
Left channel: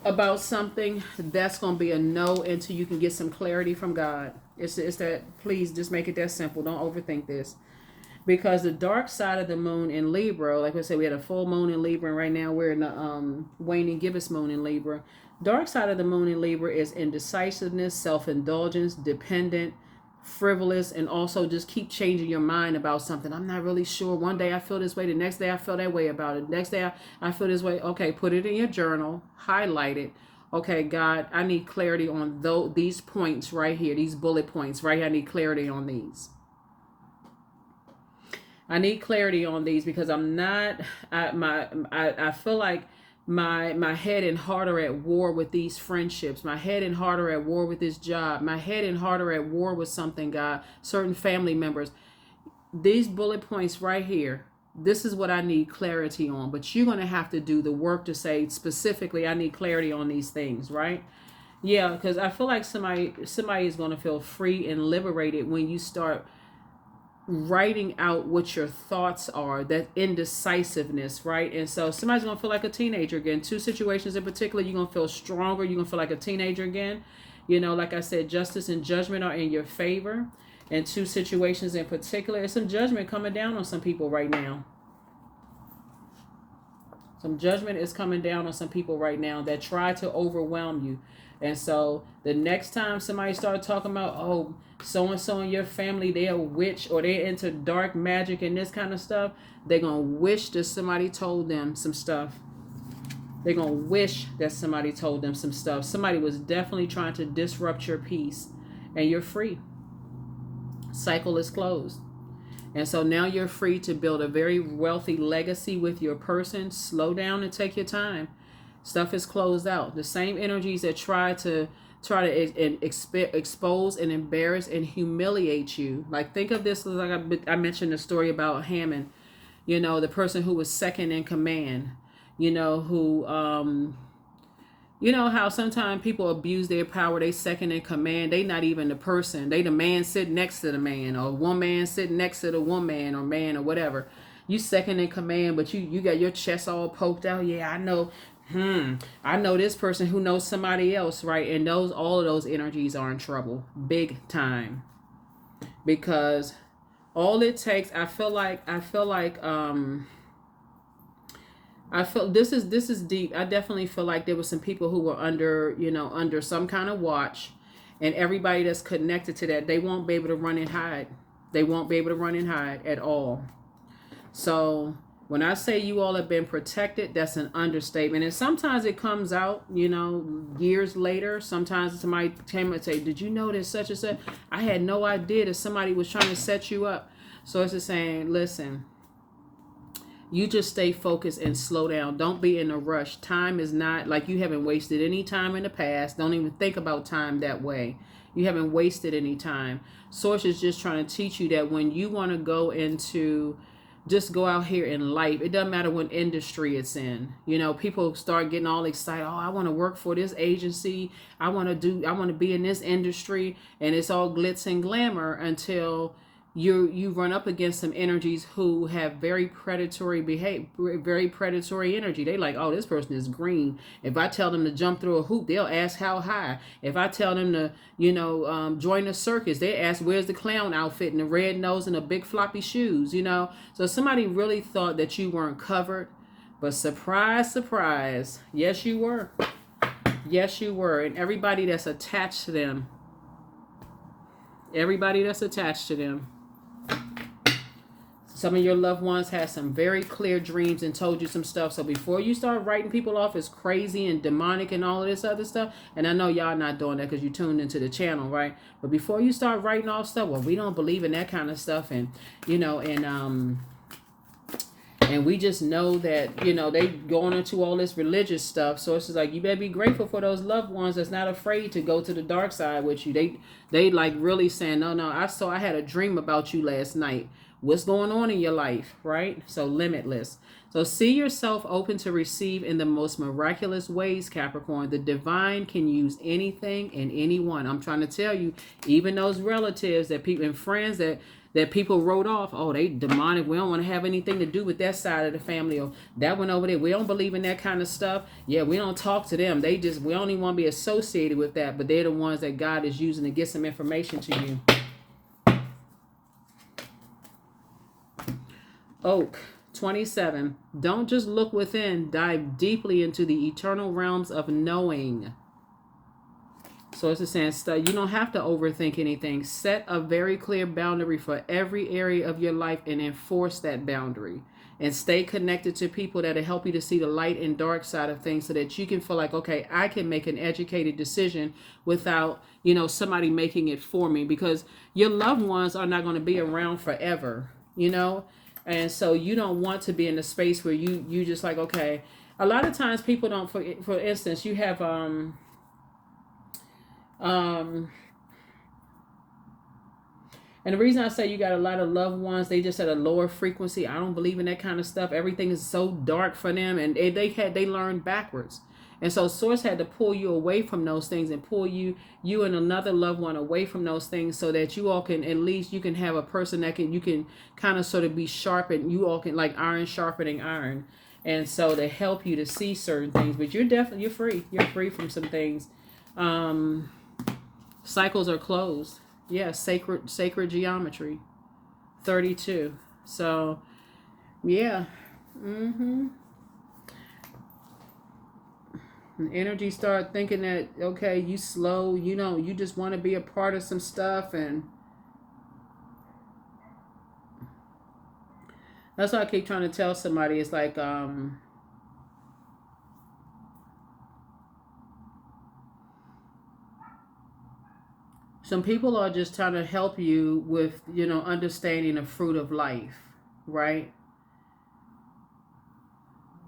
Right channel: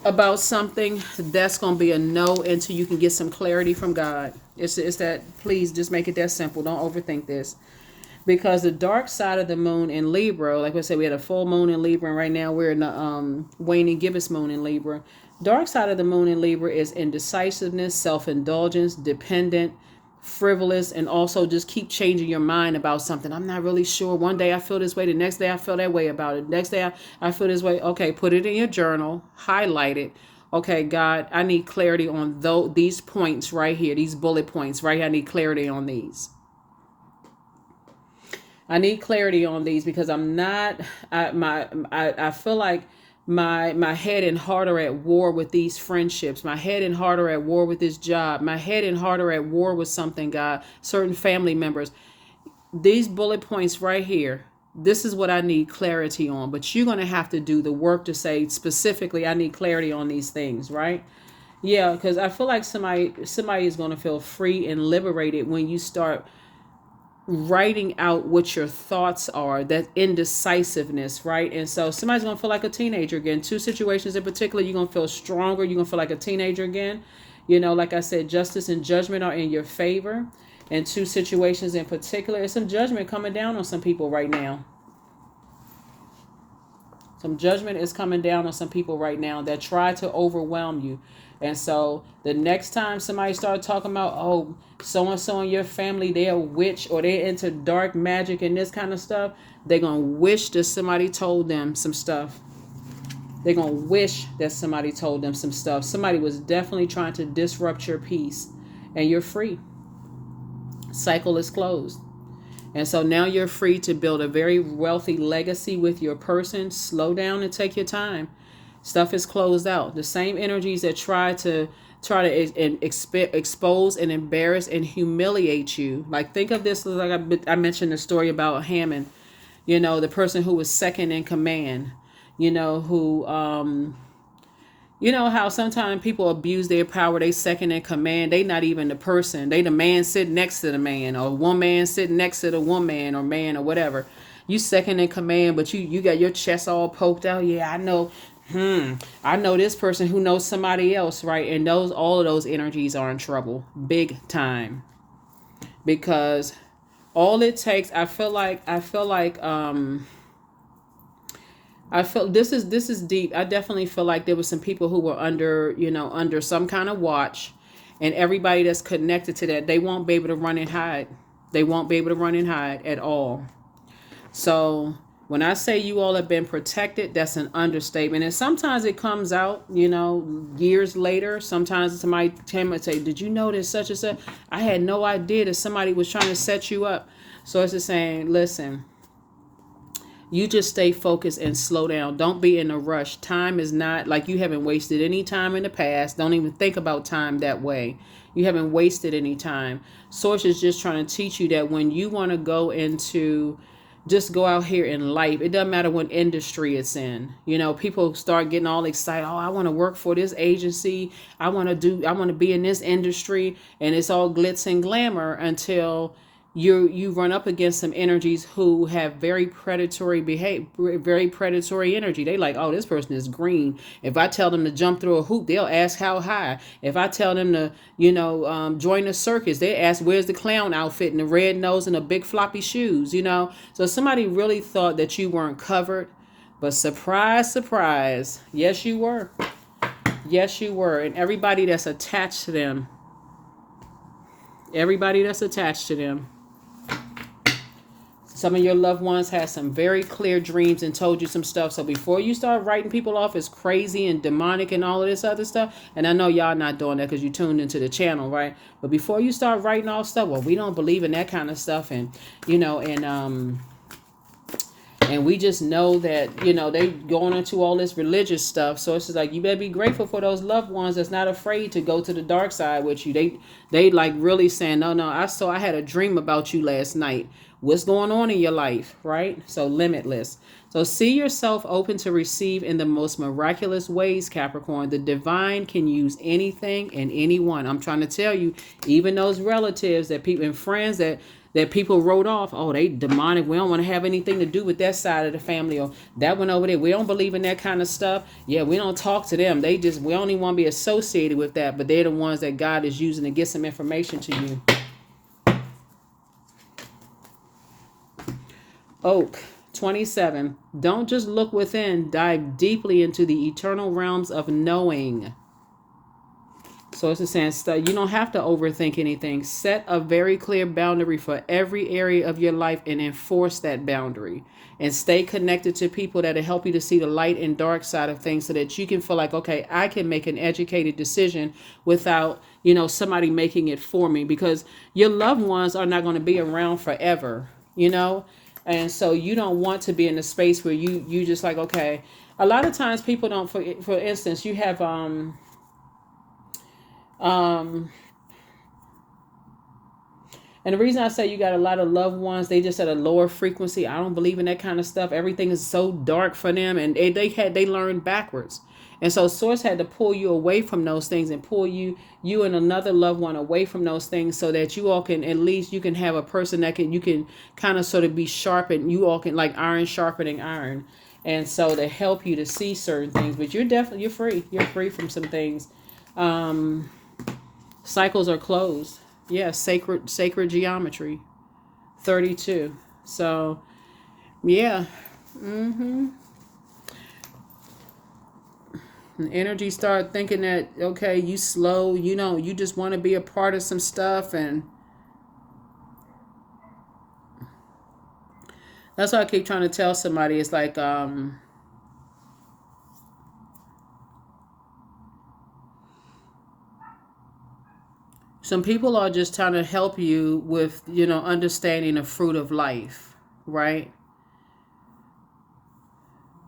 about something, that's going to be a no until you can get some clarity from God. It's that, please just make it that simple. Don't overthink this. Because the dark side of the moon in Libra, like I said, we had a full moon in Libra, and right now we're in the waning gibbous moon in Libra. Dark side of the moon in Libra is indecisiveness, self-indulgence, dependent, frivolous, and also just keep changing your mind about something. I'm not really sure. One day I feel this way, the next day I feel that way about it. Next day I feel this way. Okay, put it in your journal, highlight it. Okay, God, I need clarity on these points right here, these bullet points right here. I need clarity on these. I need clarity on these because I'm not. I feel like my head and heart are at war with these friendships. My head and heart are at war with this job. My head and heart are at war with something, God. Certain family members. These bullet points right here. This is what I need clarity on. But you're gonna have to do the work to say specifically, I need clarity on these things, right? Yeah, because I feel like somebody is gonna feel free and liberated when you start writing out what your thoughts are, that indecisiveness, right? And so somebody's gonna feel like a teenager again. Two situations in particular, you're gonna feel stronger, you're gonna feel like a teenager again. Like I said, justice and judgment are in your favor. And two situations in particular, there's some judgment coming down on some people right now. Some judgment is coming down on some people right now that try to overwhelm you. And so the next time somebody starts talking about, oh, so-and-so in your family, they're a witch or they're into dark magic and this kind of stuff, they're going to wish that somebody told them some stuff. They're going to wish that somebody told them some stuff. Somebody was definitely trying to disrupt your peace, and you're free. Cycle is closed. And so now you're free to build a very wealthy legacy with your person. Slow down and take your time. Stuff is closed out. The same energies that try to expose and embarrass and humiliate you. Like, think of this, like I mentioned the story about Hammond, the person who was second in command, who, how sometimes people abuse their power. They second in command. They not even the person. They the man sitting next to the man, or one man sitting next to the woman or man or whatever. You second in command, but you got your chest all poked out. Yeah, I know. I know this person who knows somebody else, right? And all of those energies are in trouble, big time. Because all it takes, I feel this is deep. I definitely feel like there were some people who were under some kind of watch, and everybody that's connected to that, they won't be able to run and hide. They won't be able to run and hide at all. So when I say you all have been protected, that's an understatement. And sometimes it comes out, years later. Sometimes somebody came and say, did you know this such and such? I had no idea that somebody was trying to set you up. So it's just saying, listen, you just stay focused and slow down. Don't be in a rush. Time is not, like, you haven't wasted any time in the past. Don't even think about time that way. You haven't wasted any time. Source is just trying to teach you that when you want to go into, just go out here in life, it doesn't matter what industry it's in. People start getting all excited. Oh, I want to work for this agency. I want to be in this industry, and it's all glitz and glamour until you run up against some energies who have very predatory energy. They like, oh, this person is green. If I tell them to jump through a hoop, they'll ask how high. If I tell them to, join a circus, they ask where's the clown outfit and the red nose and the big floppy shoes. So somebody really thought that you weren't covered, but surprise, surprise, yes you were. Yes you were. And everybody that's attached to them. Some of your loved ones had some very clear dreams and told you some stuff. So before you start writing people off as crazy and demonic and all of this other stuff, and I know y'all not doing that because you tuned into the channel, right? But before you start writing off stuff, well, we don't believe in that kind of stuff, and and we just know that, they going into all this religious stuff. So it's just like, you better be grateful for those loved ones that's not afraid to go to the dark side with you. They like really saying, no, I had a dream about you last night. What's going on in your life, right? So limitless. So see yourself open to receive in the most miraculous ways, Capricorn. The divine can use anything and anyone. I'm trying to tell you, even those relatives that people and friends that that people wrote off. Oh, they demonic. We don't want to have anything to do with that side of the family, or that one over there. We don't believe in that kind of stuff. Yeah, we don't talk to them. We only want to be associated with that, but they're the ones that God is using to get some information to you. Oak 27. Don't just look within, dive deeply into the eternal realms of knowing. So it's a sense that you don't have to overthink anything. Set a very clear boundary for every area of your life and enforce that boundary. And stay connected to people that will help you to see the light and dark side of things, so that you can feel like, okay, I can make an educated decision without, somebody making it for me, because your loved ones are not going to be around forever, And so you don't want to be in a space where you just like, okay, a lot of times people don't, for instance, you have, and the reason I say you got a lot of loved ones, they just at a lower frequency. I don't believe in that kind of stuff. Everything is so dark for them, and they learned backwards. And so Source had to pull you away from those things and pull you and another loved one away from those things, so that you all can, at least you can have a person that you can kind of sort of be sharpened. You all can, like iron sharpening iron. And so they help you to see certain things, but you're free. You're free from some things. Cycles are closed. Yeah, sacred geometry. 32. So, yeah. And energy start thinking that, okay, you slow, you just want to be a part of some stuff, and that's why I keep trying to tell somebody. It's like, some people are just trying to help you with, understanding the fruit of life, right?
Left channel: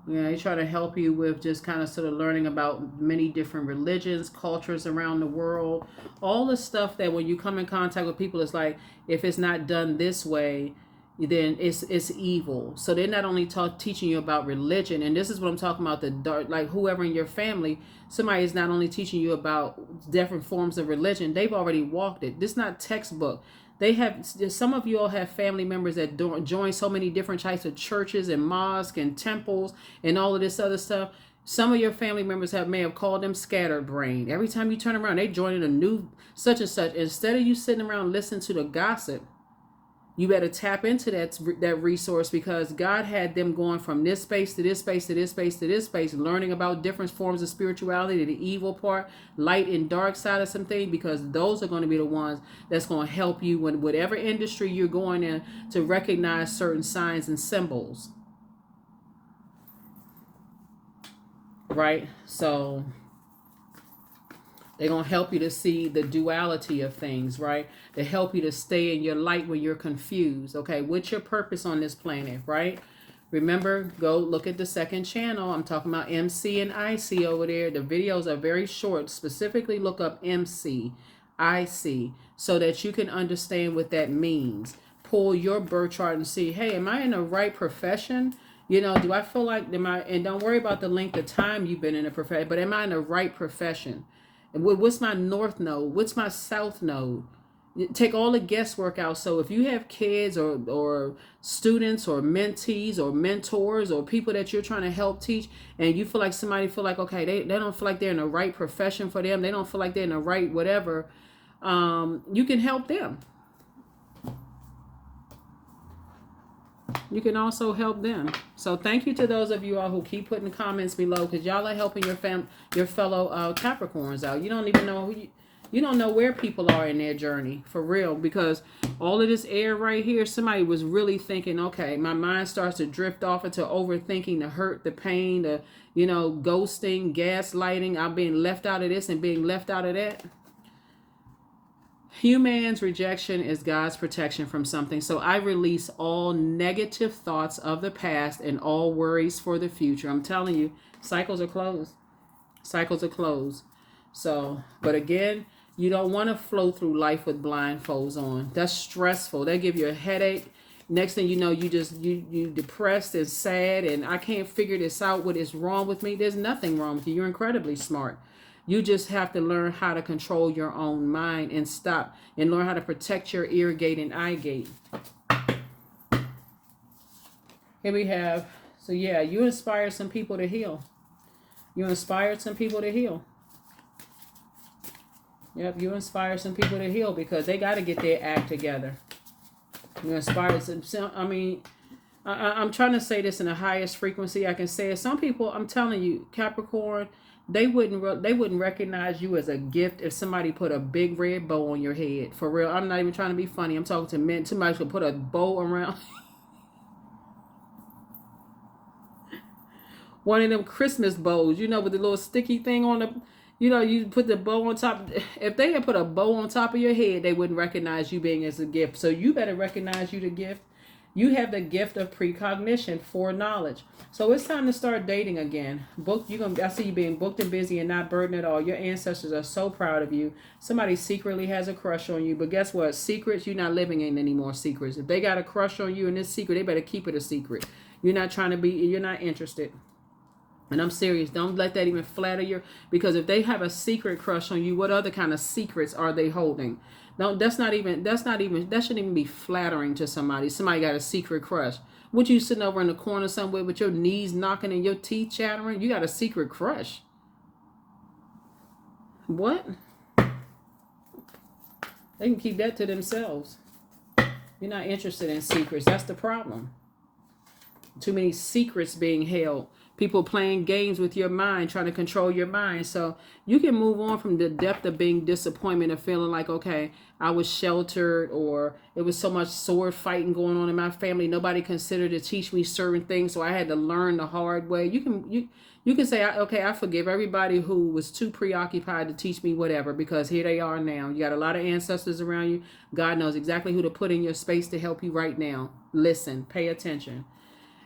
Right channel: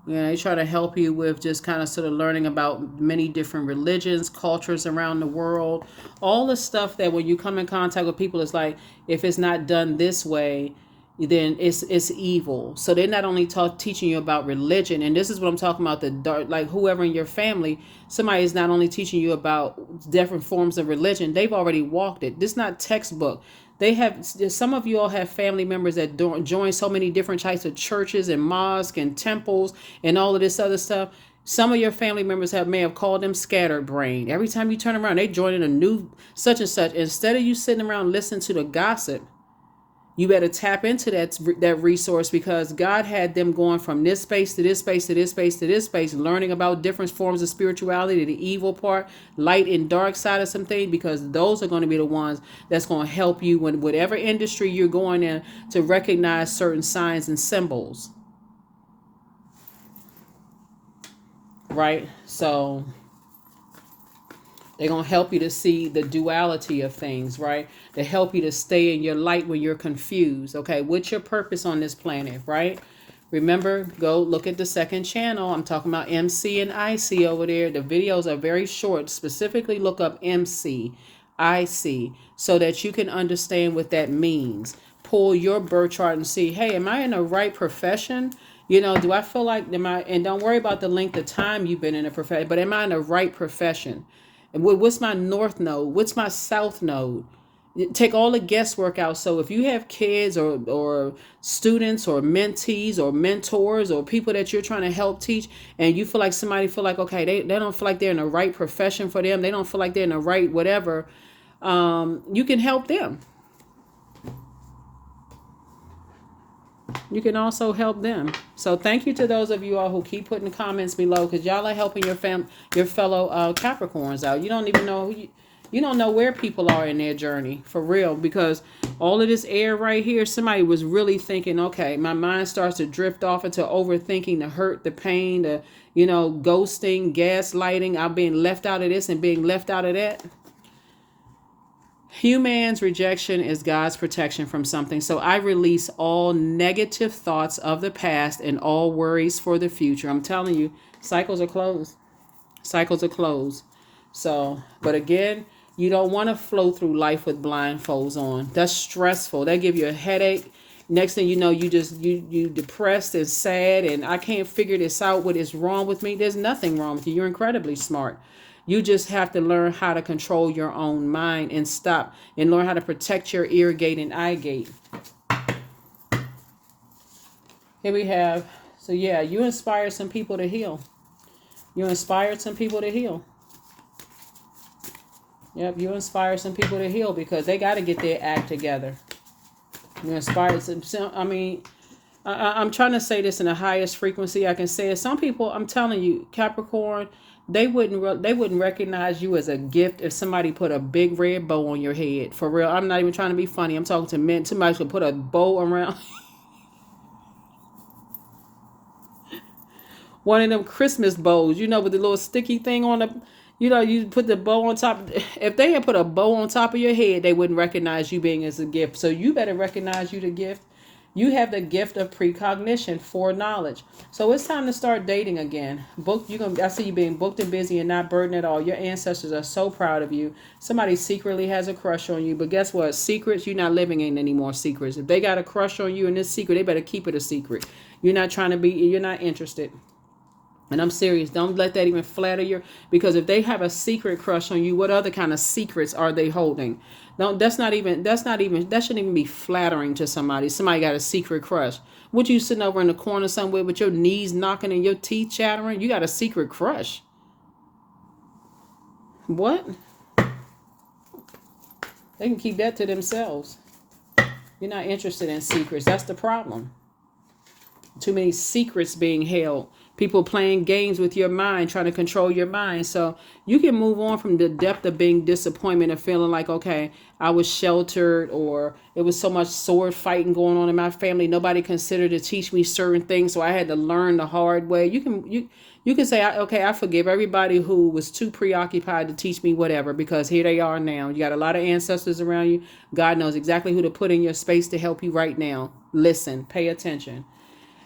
They try to help you with just kind of sort of learning about many different religions, cultures around the world, all the stuff that when you come in contact with people, it's like, if it's not done this way, then it's evil. So they're not only teaching you about religion, and this is what I'm talking about, the dark, like whoever in your family, somebody is not only teaching you about different forms of religion, they've already walked it. This is not textbook. They have, some of you all have family members that join so many different types of churches and mosques and temples and all of this other stuff. Some of your family members may have called them scattered brain. Every time you turn around, they join in a new such and such. Instead of you sitting around listening to the gossip, you better tap into that resource, because God had them going from this space to this space to this space to this space, learning about different forms of spirituality, the evil part, light and dark side of something, because those are going to be the ones that's going to help you in whatever industry you're going in, to recognize certain signs and symbols. Right? So they're going to help you to see the duality of things, right? To help you to stay in your light when you're confused. Okay, what's your purpose on this planet, right? Remember, go look at the second channel. I'm talking about MC and IC over there. The videos are very short. Specifically look up MC, IC, so that you can understand what that means. Pull your birth chart and see, hey, am I in the right profession? Do I feel like, and don't worry about the length of time you've been in a profession, but am I in the right profession? And what's my north node? What's my south node? Take all the guesswork out. So if you have kids or students or mentees or mentors or people that you're trying to help teach, and you feel like okay, they don't feel like they're in the right profession for them, they don't feel like they're in the right whatever, you can help them. You can also help them. So thank you to those of you all who keep putting comments below, because y'all are helping your fellow Capricorns out. You don't even know you don't know where people are in their journey, for real, because all of this air right here, somebody was really thinking, okay, my mind starts to drift off into overthinking, the hurt, the pain, the ghosting, gaslighting, I'm being left out of this and being left out of that. Human's rejection is God's protection from something. So I release all negative thoughts of the past and all worries for the future. I'm telling you, cycles are closed. Cycles are closed. So, but again, you don't want to flow through life with blindfolds on. That's stressful. That give you a headache. Next thing you know, you depressed and sad, and I can't figure this out. What is wrong with me? There's nothing wrong with you. You're incredibly smart. You just have to learn how to control your own mind and stop and learn how to protect your ear gate and eye gate. Here we have, so yeah, you inspired some people to heal. You inspired some people to heal. Yep, you inspired some people to heal because they got to get their act together. You inspired some, I mean, I'm trying to say this in the highest frequency I can say it. Some people, I'm telling you, Capricorn, they wouldn't recognize you as a gift if somebody put a big red bow on your head. For real, I'm not even trying to be funny. I'm talking to men. Somebody should put a bow around one of them Christmas bows, you know, with the little sticky thing on the, you know, you put the bow on top. If they had put a bow on top of your head, they wouldn't recognize you being as a gift. So you better recognize you the gift. You have the gift of precognition, foreknowledge. So it's time to start dating again. I see you being booked and busy and not burdened at all. Your ancestors are so proud of you. Somebody secretly has a crush on you, but guess what? Secrets, you're not living in any more secrets. If they got a crush on you in this secret, they better keep it a secret. You're not interested. And I'm serious. Don't let that even flatter your, because if they have a secret crush on you, what other kind of secrets are they holding? No, that shouldn't even be flattering to somebody. Somebody got a secret crush. Would you sitting over in the corner somewhere with your knees knocking and your teeth chattering? You got a secret crush. What? They can keep that to themselves. You're not interested in secrets. That's the problem. Too many secrets being held. People playing games with your mind, trying to control your mind. So you can move on from the depth of being disappointment of feeling like, okay, I was sheltered, or it was so much sword fighting going on in my family. Nobody considered to teach me certain things, so I had to learn the hard way. You can say, okay, I forgive everybody who was too preoccupied to teach me whatever, because here they are now. You got a lot of ancestors around you. God knows exactly who to put in your space to help you right now. Listen, pay attention.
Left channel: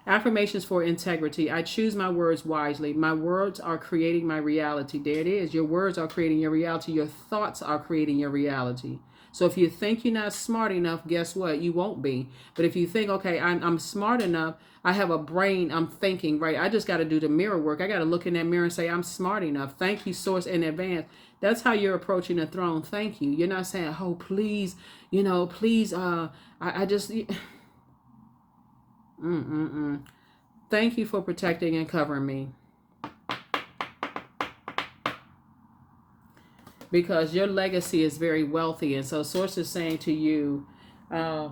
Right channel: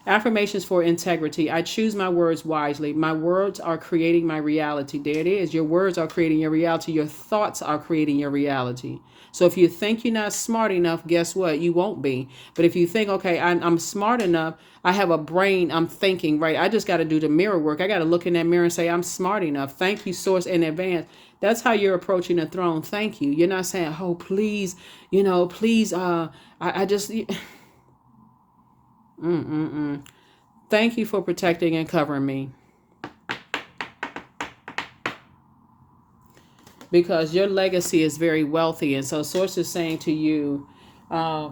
Affirmations for integrity. I choose my words wisely. My words are creating my reality. There it is. Your words are creating your reality. Your thoughts are creating your reality. So if you think you're not smart enough, guess what? You won't be. But if you think, okay, I'm smart enough, I have a brain, I'm thinking, right? I just got to do the mirror work. I got to look in that mirror and say, I'm smart enough. Thank you, source, in advance. That's how you're approaching the throne. Thank you. You're not saying, oh, please, please, I just... Thank you for protecting and covering me. Because your legacy is very wealthy. And so Source is saying to you, a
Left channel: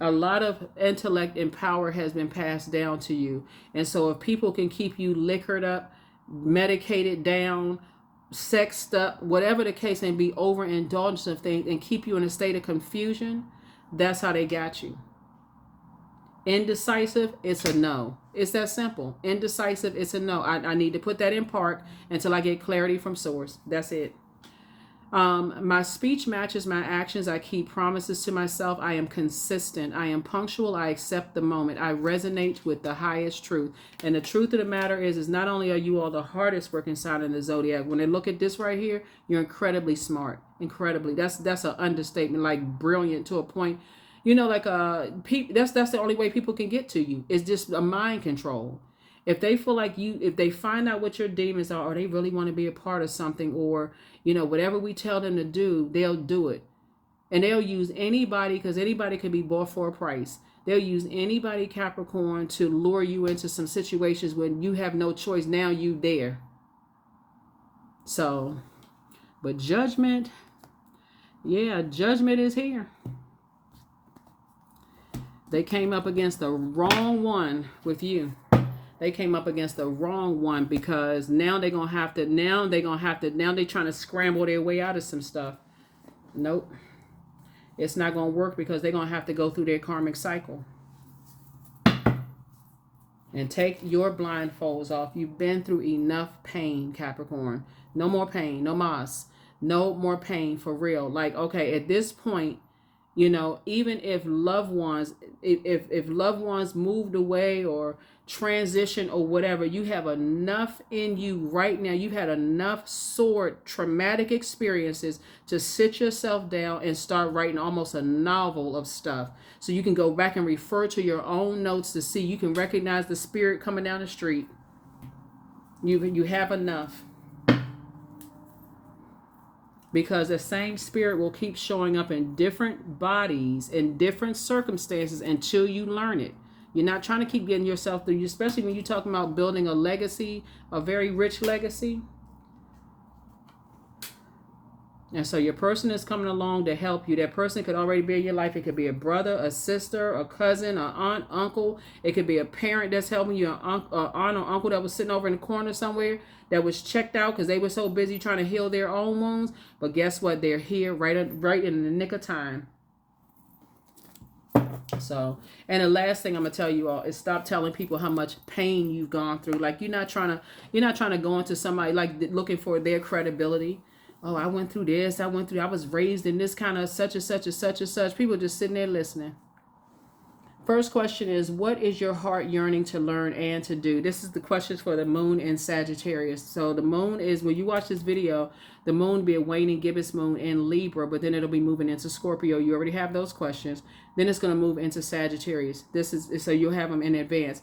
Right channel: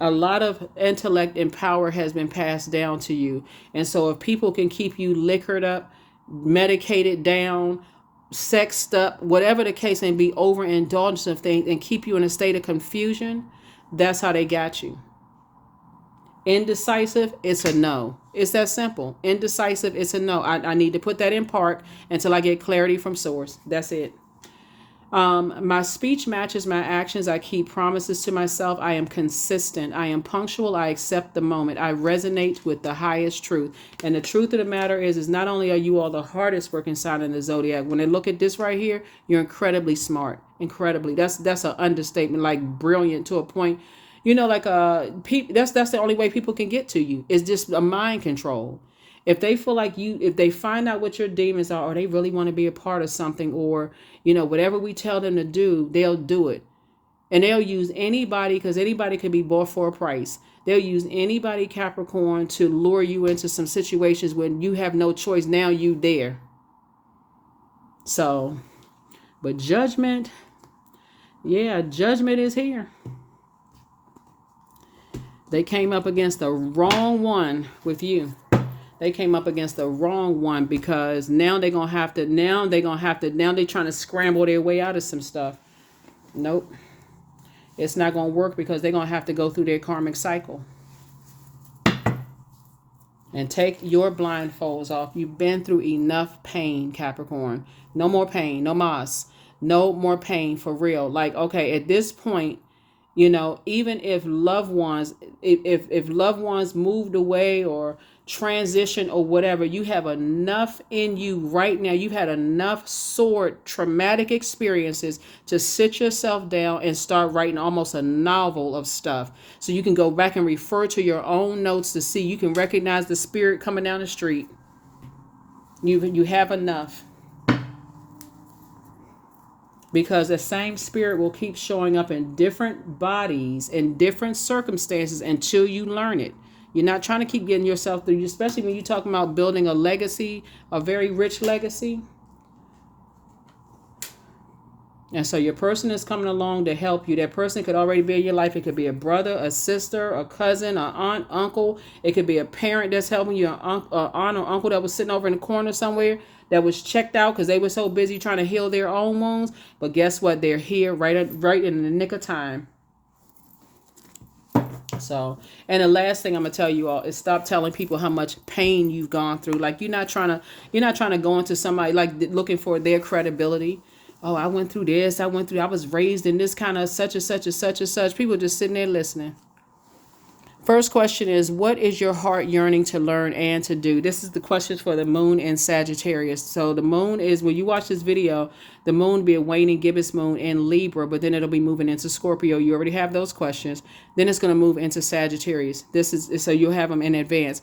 lot of intellect and power has been passed down to you. And so if people can keep you liquored up, medicated down, sexed up, whatever the case, and be overindulgent of things and keep you in a state of confusion, that's how they got you. Indecisive, it's a no. It's that simple. Indecisive, it's a no. I need to put that in park until I get clarity from source. That's it. My speech matches my actions. I keep promises to myself. I am consistent. I am punctual. I accept the moment. I resonate with the highest truth. And the truth of the matter is not only are you all the hardest working sign in the Zodiac, when they look at this right here, you're incredibly smart. Incredibly. That's an understatement, like brilliant to a point. Like that's the only way people can get to you. It's just a mind control. If they feel like if they find out what your demons are, or they really want to be a part of something, or whatever we tell them to do, they'll do it. And they'll use anybody, because anybody can be bought for a price. They'll use anybody, Capricorn, to lure you into some situations when you have no choice. Now you there. So, but judgment, judgment is here. They came up against the wrong one with you. They came up against the wrong one, because now they're trying to scramble their way out of some stuff. Nope. It's not going to work, because they're going to have to go through their karmic cycle. And take your blindfolds off. You've been through enough pain, Capricorn. No more pain. No mas. No more pain, for real. Like, okay, at this point, even if loved ones, if loved ones moved away or transition or whatever, you have enough in you right now. You've had enough traumatic experiences to sit yourself down and start writing almost a novel of stuff. So you can go back and refer to your own notes to see, you can recognize the spirit coming down the street. You have enough. because the same spirit will keep showing up in different bodies, in different circumstances until you learn it. You're not trying to keep getting yourself through, especially when you're talking about building a legacy, a very rich legacy. And so your person is coming along to help you. That person could already be in your life. It could be a brother, a sister, a cousin, an aunt, uncle. It could be a parent that's helping you, an aunt or uncle that was sitting over in the corner somewhere that was checked out because they were so busy trying to heal their own wounds. But guess what? They're here right in the nick of time. So, and the last thing I'm gonna tell you all is stop telling people how much pain you've gone through. Like you're not trying to go into somebody like looking for their credibility. Oh, I went through this. I was raised in this kind of such and such and such and such. People just sitting there listening. First question is, what is your heart yearning to learn and to do? This is the questions for the moon in Sagittarius. So the moon is, when you watch this video, the moon will be a waning gibbous moon in Libra, but then it'll be moving into Scorpio. You already have those questions. Then it's going to move into Sagittarius. This is, so you'll have them in advance.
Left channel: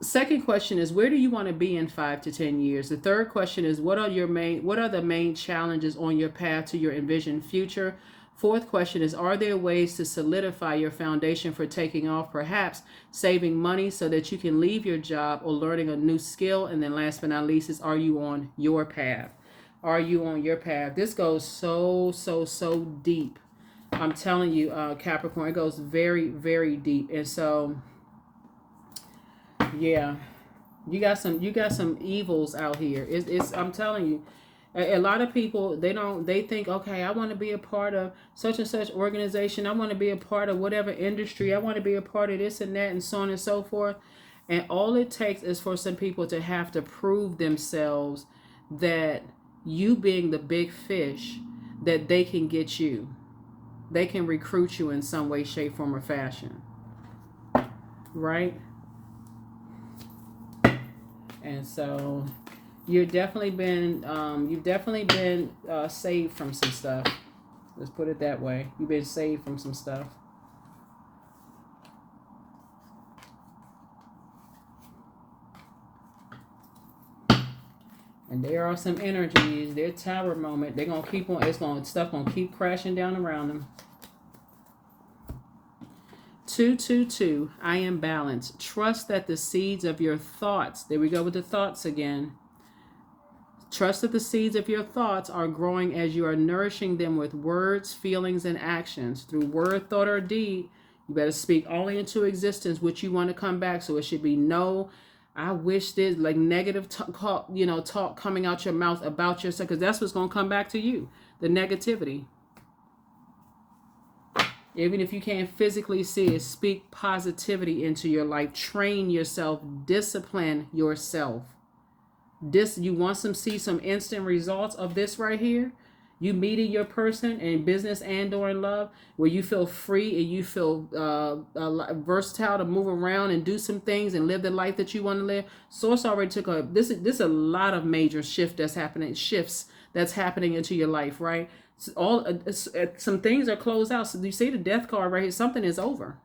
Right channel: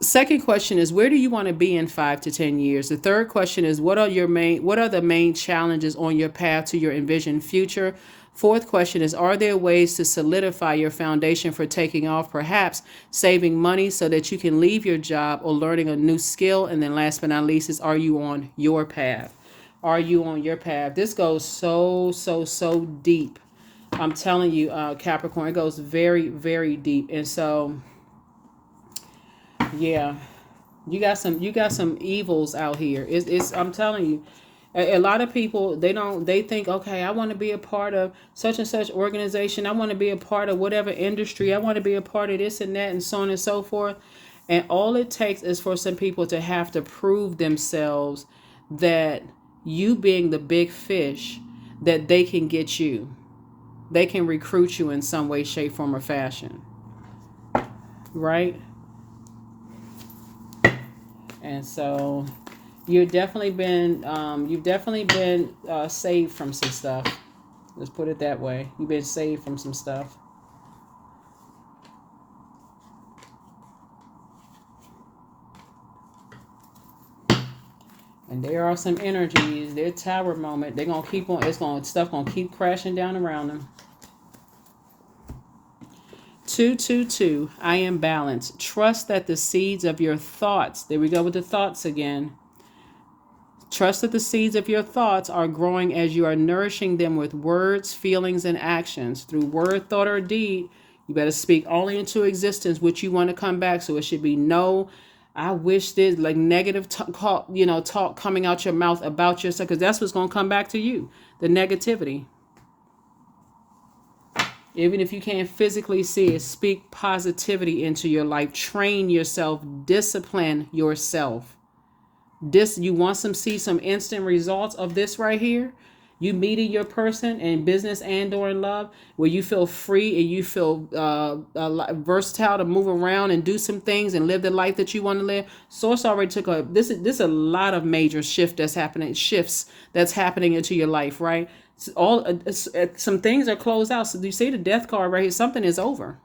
Second question is, where do you want to be in 5 to 10 years? The third question is, what are the main challenges on your path to your envisioned future? Fourth question is, are there ways to solidify your foundation for taking off, perhaps saving money so that you can leave your job or learning a new skill? And then last but not least is, are you on your path? Are you on your path? This goes so deep. I'm telling you, Capricorn, it goes very, very deep. And so, yeah, you got some evils out here. I'm telling you. A lot of people, they think, okay, I want to be a part of such and such organization. I want to be a part of whatever industry. I want to be a part of this and that and so on and so forth. And all it takes is for some people to have to prove themselves that you being the big fish, that they can get you. They can recruit you in some way, shape, form, or fashion. Right? And so you've definitely been saved from some stuff. Let's put it that way. You've been saved from some stuff. And there are some energies, their tower moment, they're gonna keep on, stuff gonna keep crashing down around them. 222, I am balanced. Trust that the seeds of your thoughts, there we go with the thoughts again. Trust that the seeds of your thoughts are growing as you are nourishing them with words, feelings, and actions. Through word, thought, or deed, you better speak only into existence what you want to come back. So it should be no, I wish this, like negative talk coming out your mouth about yourself, because that's what's going to come back to you, the negativity. Even if you can't physically see it, speak positivity into your life. Train yourself, discipline yourself. You want see some instant results of this right here. You meeting your person in business and or in love, where you feel free and you feel versatile to move around and do some things and live the life that you want to live. Source already took this is a lot of major shifts that's happening into your life, right? Some things are closed out. So you see the death card right here. Something is over.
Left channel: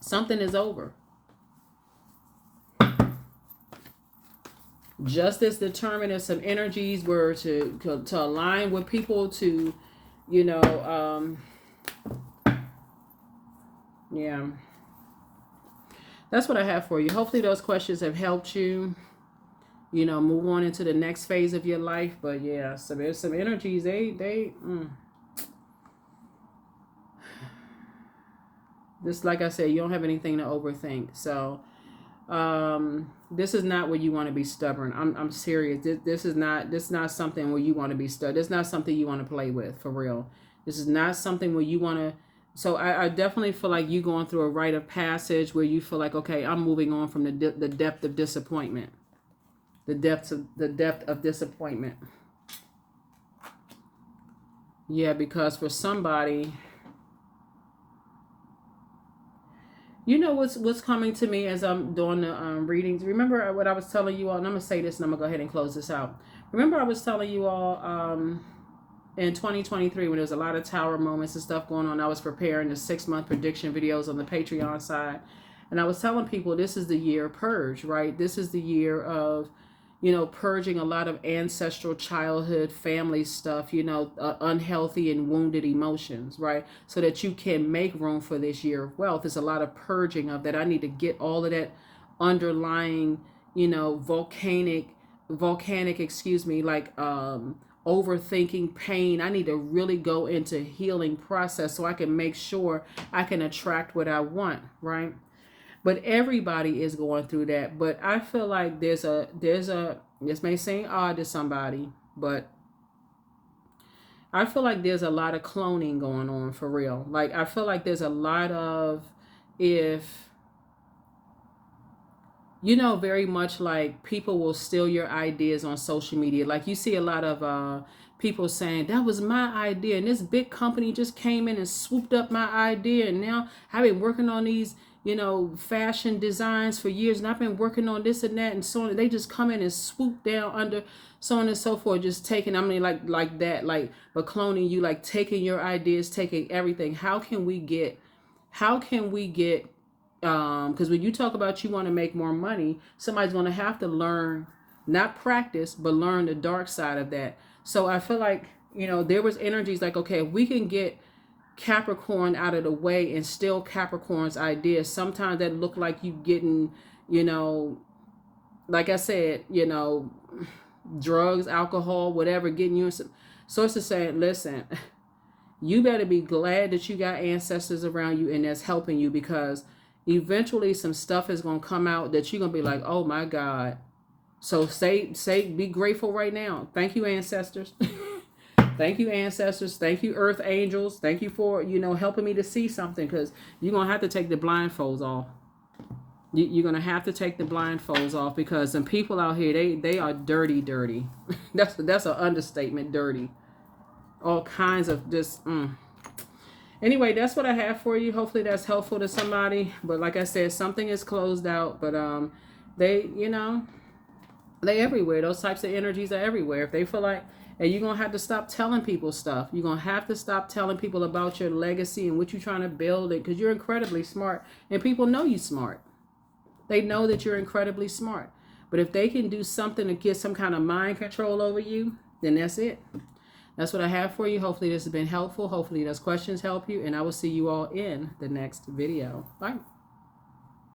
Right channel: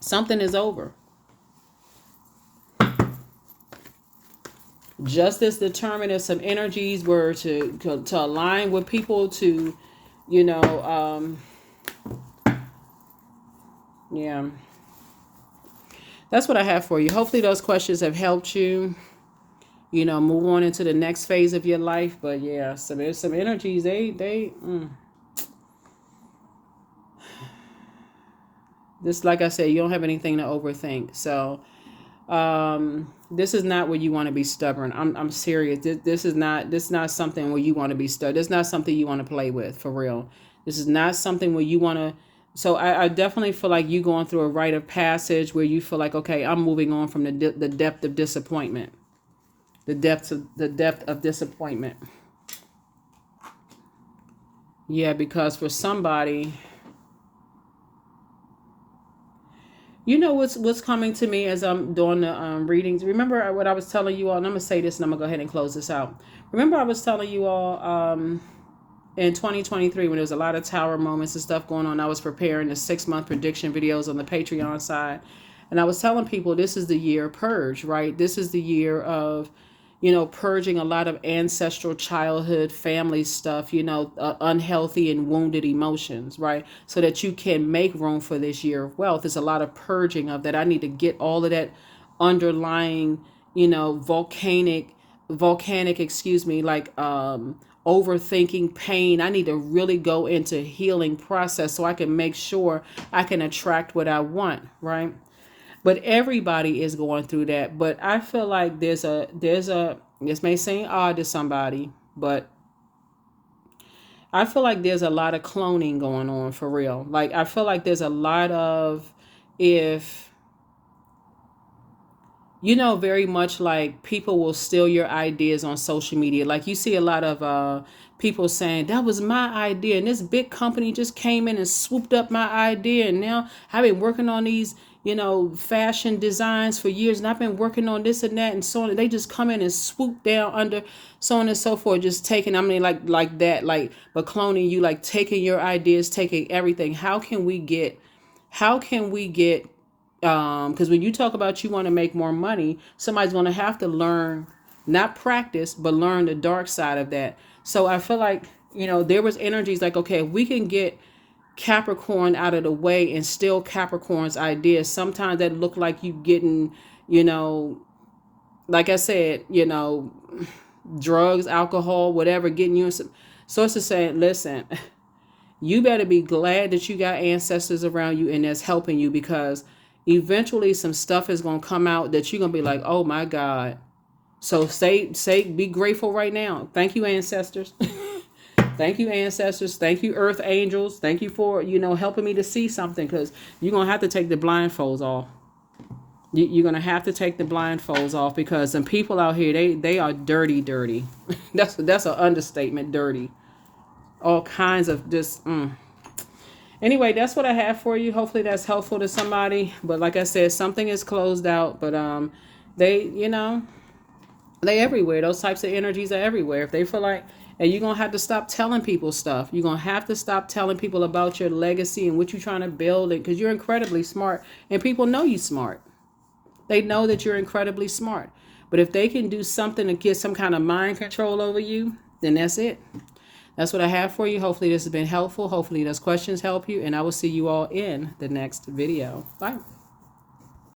Something is over. Justice determined if some energies were to align with people to, yeah. That's what I have for you. Hopefully those questions have helped you, move on into the next phase of your life. But yeah, some energies, this, like I said, you don't have anything to overthink. So, this is not where you want to be stubborn. I'm serious. This is not something where you want to be stubborn. This is not something you want to play with, for real. This is not something where you want to. So I definitely feel like you going through a rite of passage where you feel like, okay, I'm moving on from the depth of disappointment. The depth of disappointment. Yeah, because for somebody, what's coming to me as I'm doing the readings. Remember what I was telling you all, and I'm going to say this and I'm going to go ahead and close this out. Remember I was telling you all in 2023 when there was a lot of tower moments and stuff going on, I was preparing the 6-month prediction videos on the Patreon side. And I was telling people this is the year of purge, right? This is the year of, you know, purging a lot of ancestral childhood family stuff, you know, unhealthy and wounded emotions, right? So that you can make room for this year of wealth. There's a lot of purging of that. I need to get all of that underlying, you know, volcanic, excuse me, like overthinking, pain. I need to really go into healing process so I can make sure I can attract what I want, right? But everybody is going through that. But I feel like there's a this may seem odd to somebody, but I feel like there's a lot of cloning going on for real. Like I feel like there's a lot of, if you know, very much like people will steal your ideas on social media. Like you see a lot of people saying that was my idea and this big company just came in and swooped up my idea, and now I've been working on these, you know, fashion designs for years, and I've been working on this and that and so on. And they just come in and swoop down under, so on and so forth, just taking, I mean, like that, like, but cloning you, like taking your ideas, taking everything. How can we get because when you talk about you want to make more money, somebody's going to have to learn, not practice, but learn the dark side of that. So I feel like, you know, there was energies like, okay, if we can get Capricorn out of the way and steal Capricorn's ideas, sometimes that look like you getting, you know, like I said, you know, drugs, alcohol, whatever, getting you in some sorts of saying, listen, you better be glad that you got ancestors around you and that's helping you, because eventually some stuff is going to come out that you're going to be like, oh my God. So be grateful right now. Thank you, ancestors. Thank you, ancestors. Thank you, earth angels. Thank you for, you know, helping me to see something, because you're going to have to take the blindfolds off. You're going to have to take the blindfolds off, because some people out here, they are dirty. That's an understatement, dirty. All kinds of just, Anyway, that's what I have for you. Hopefully that's helpful to somebody. But like I said, something is closed out. But they, you know, they everywhere. Those types of energies are everywhere. If they feel like, and you're going to have to stop telling people stuff. You're going to have to stop telling people about your legacy and what you're trying to build, because you're incredibly smart. And people know you smart. They know that you're incredibly smart. But if they can do something to get some kind of mind control over you, then that's it. That's what I have for you. Hopefully this has been helpful. Hopefully those questions help you. And I will see you all in the next video. Bye.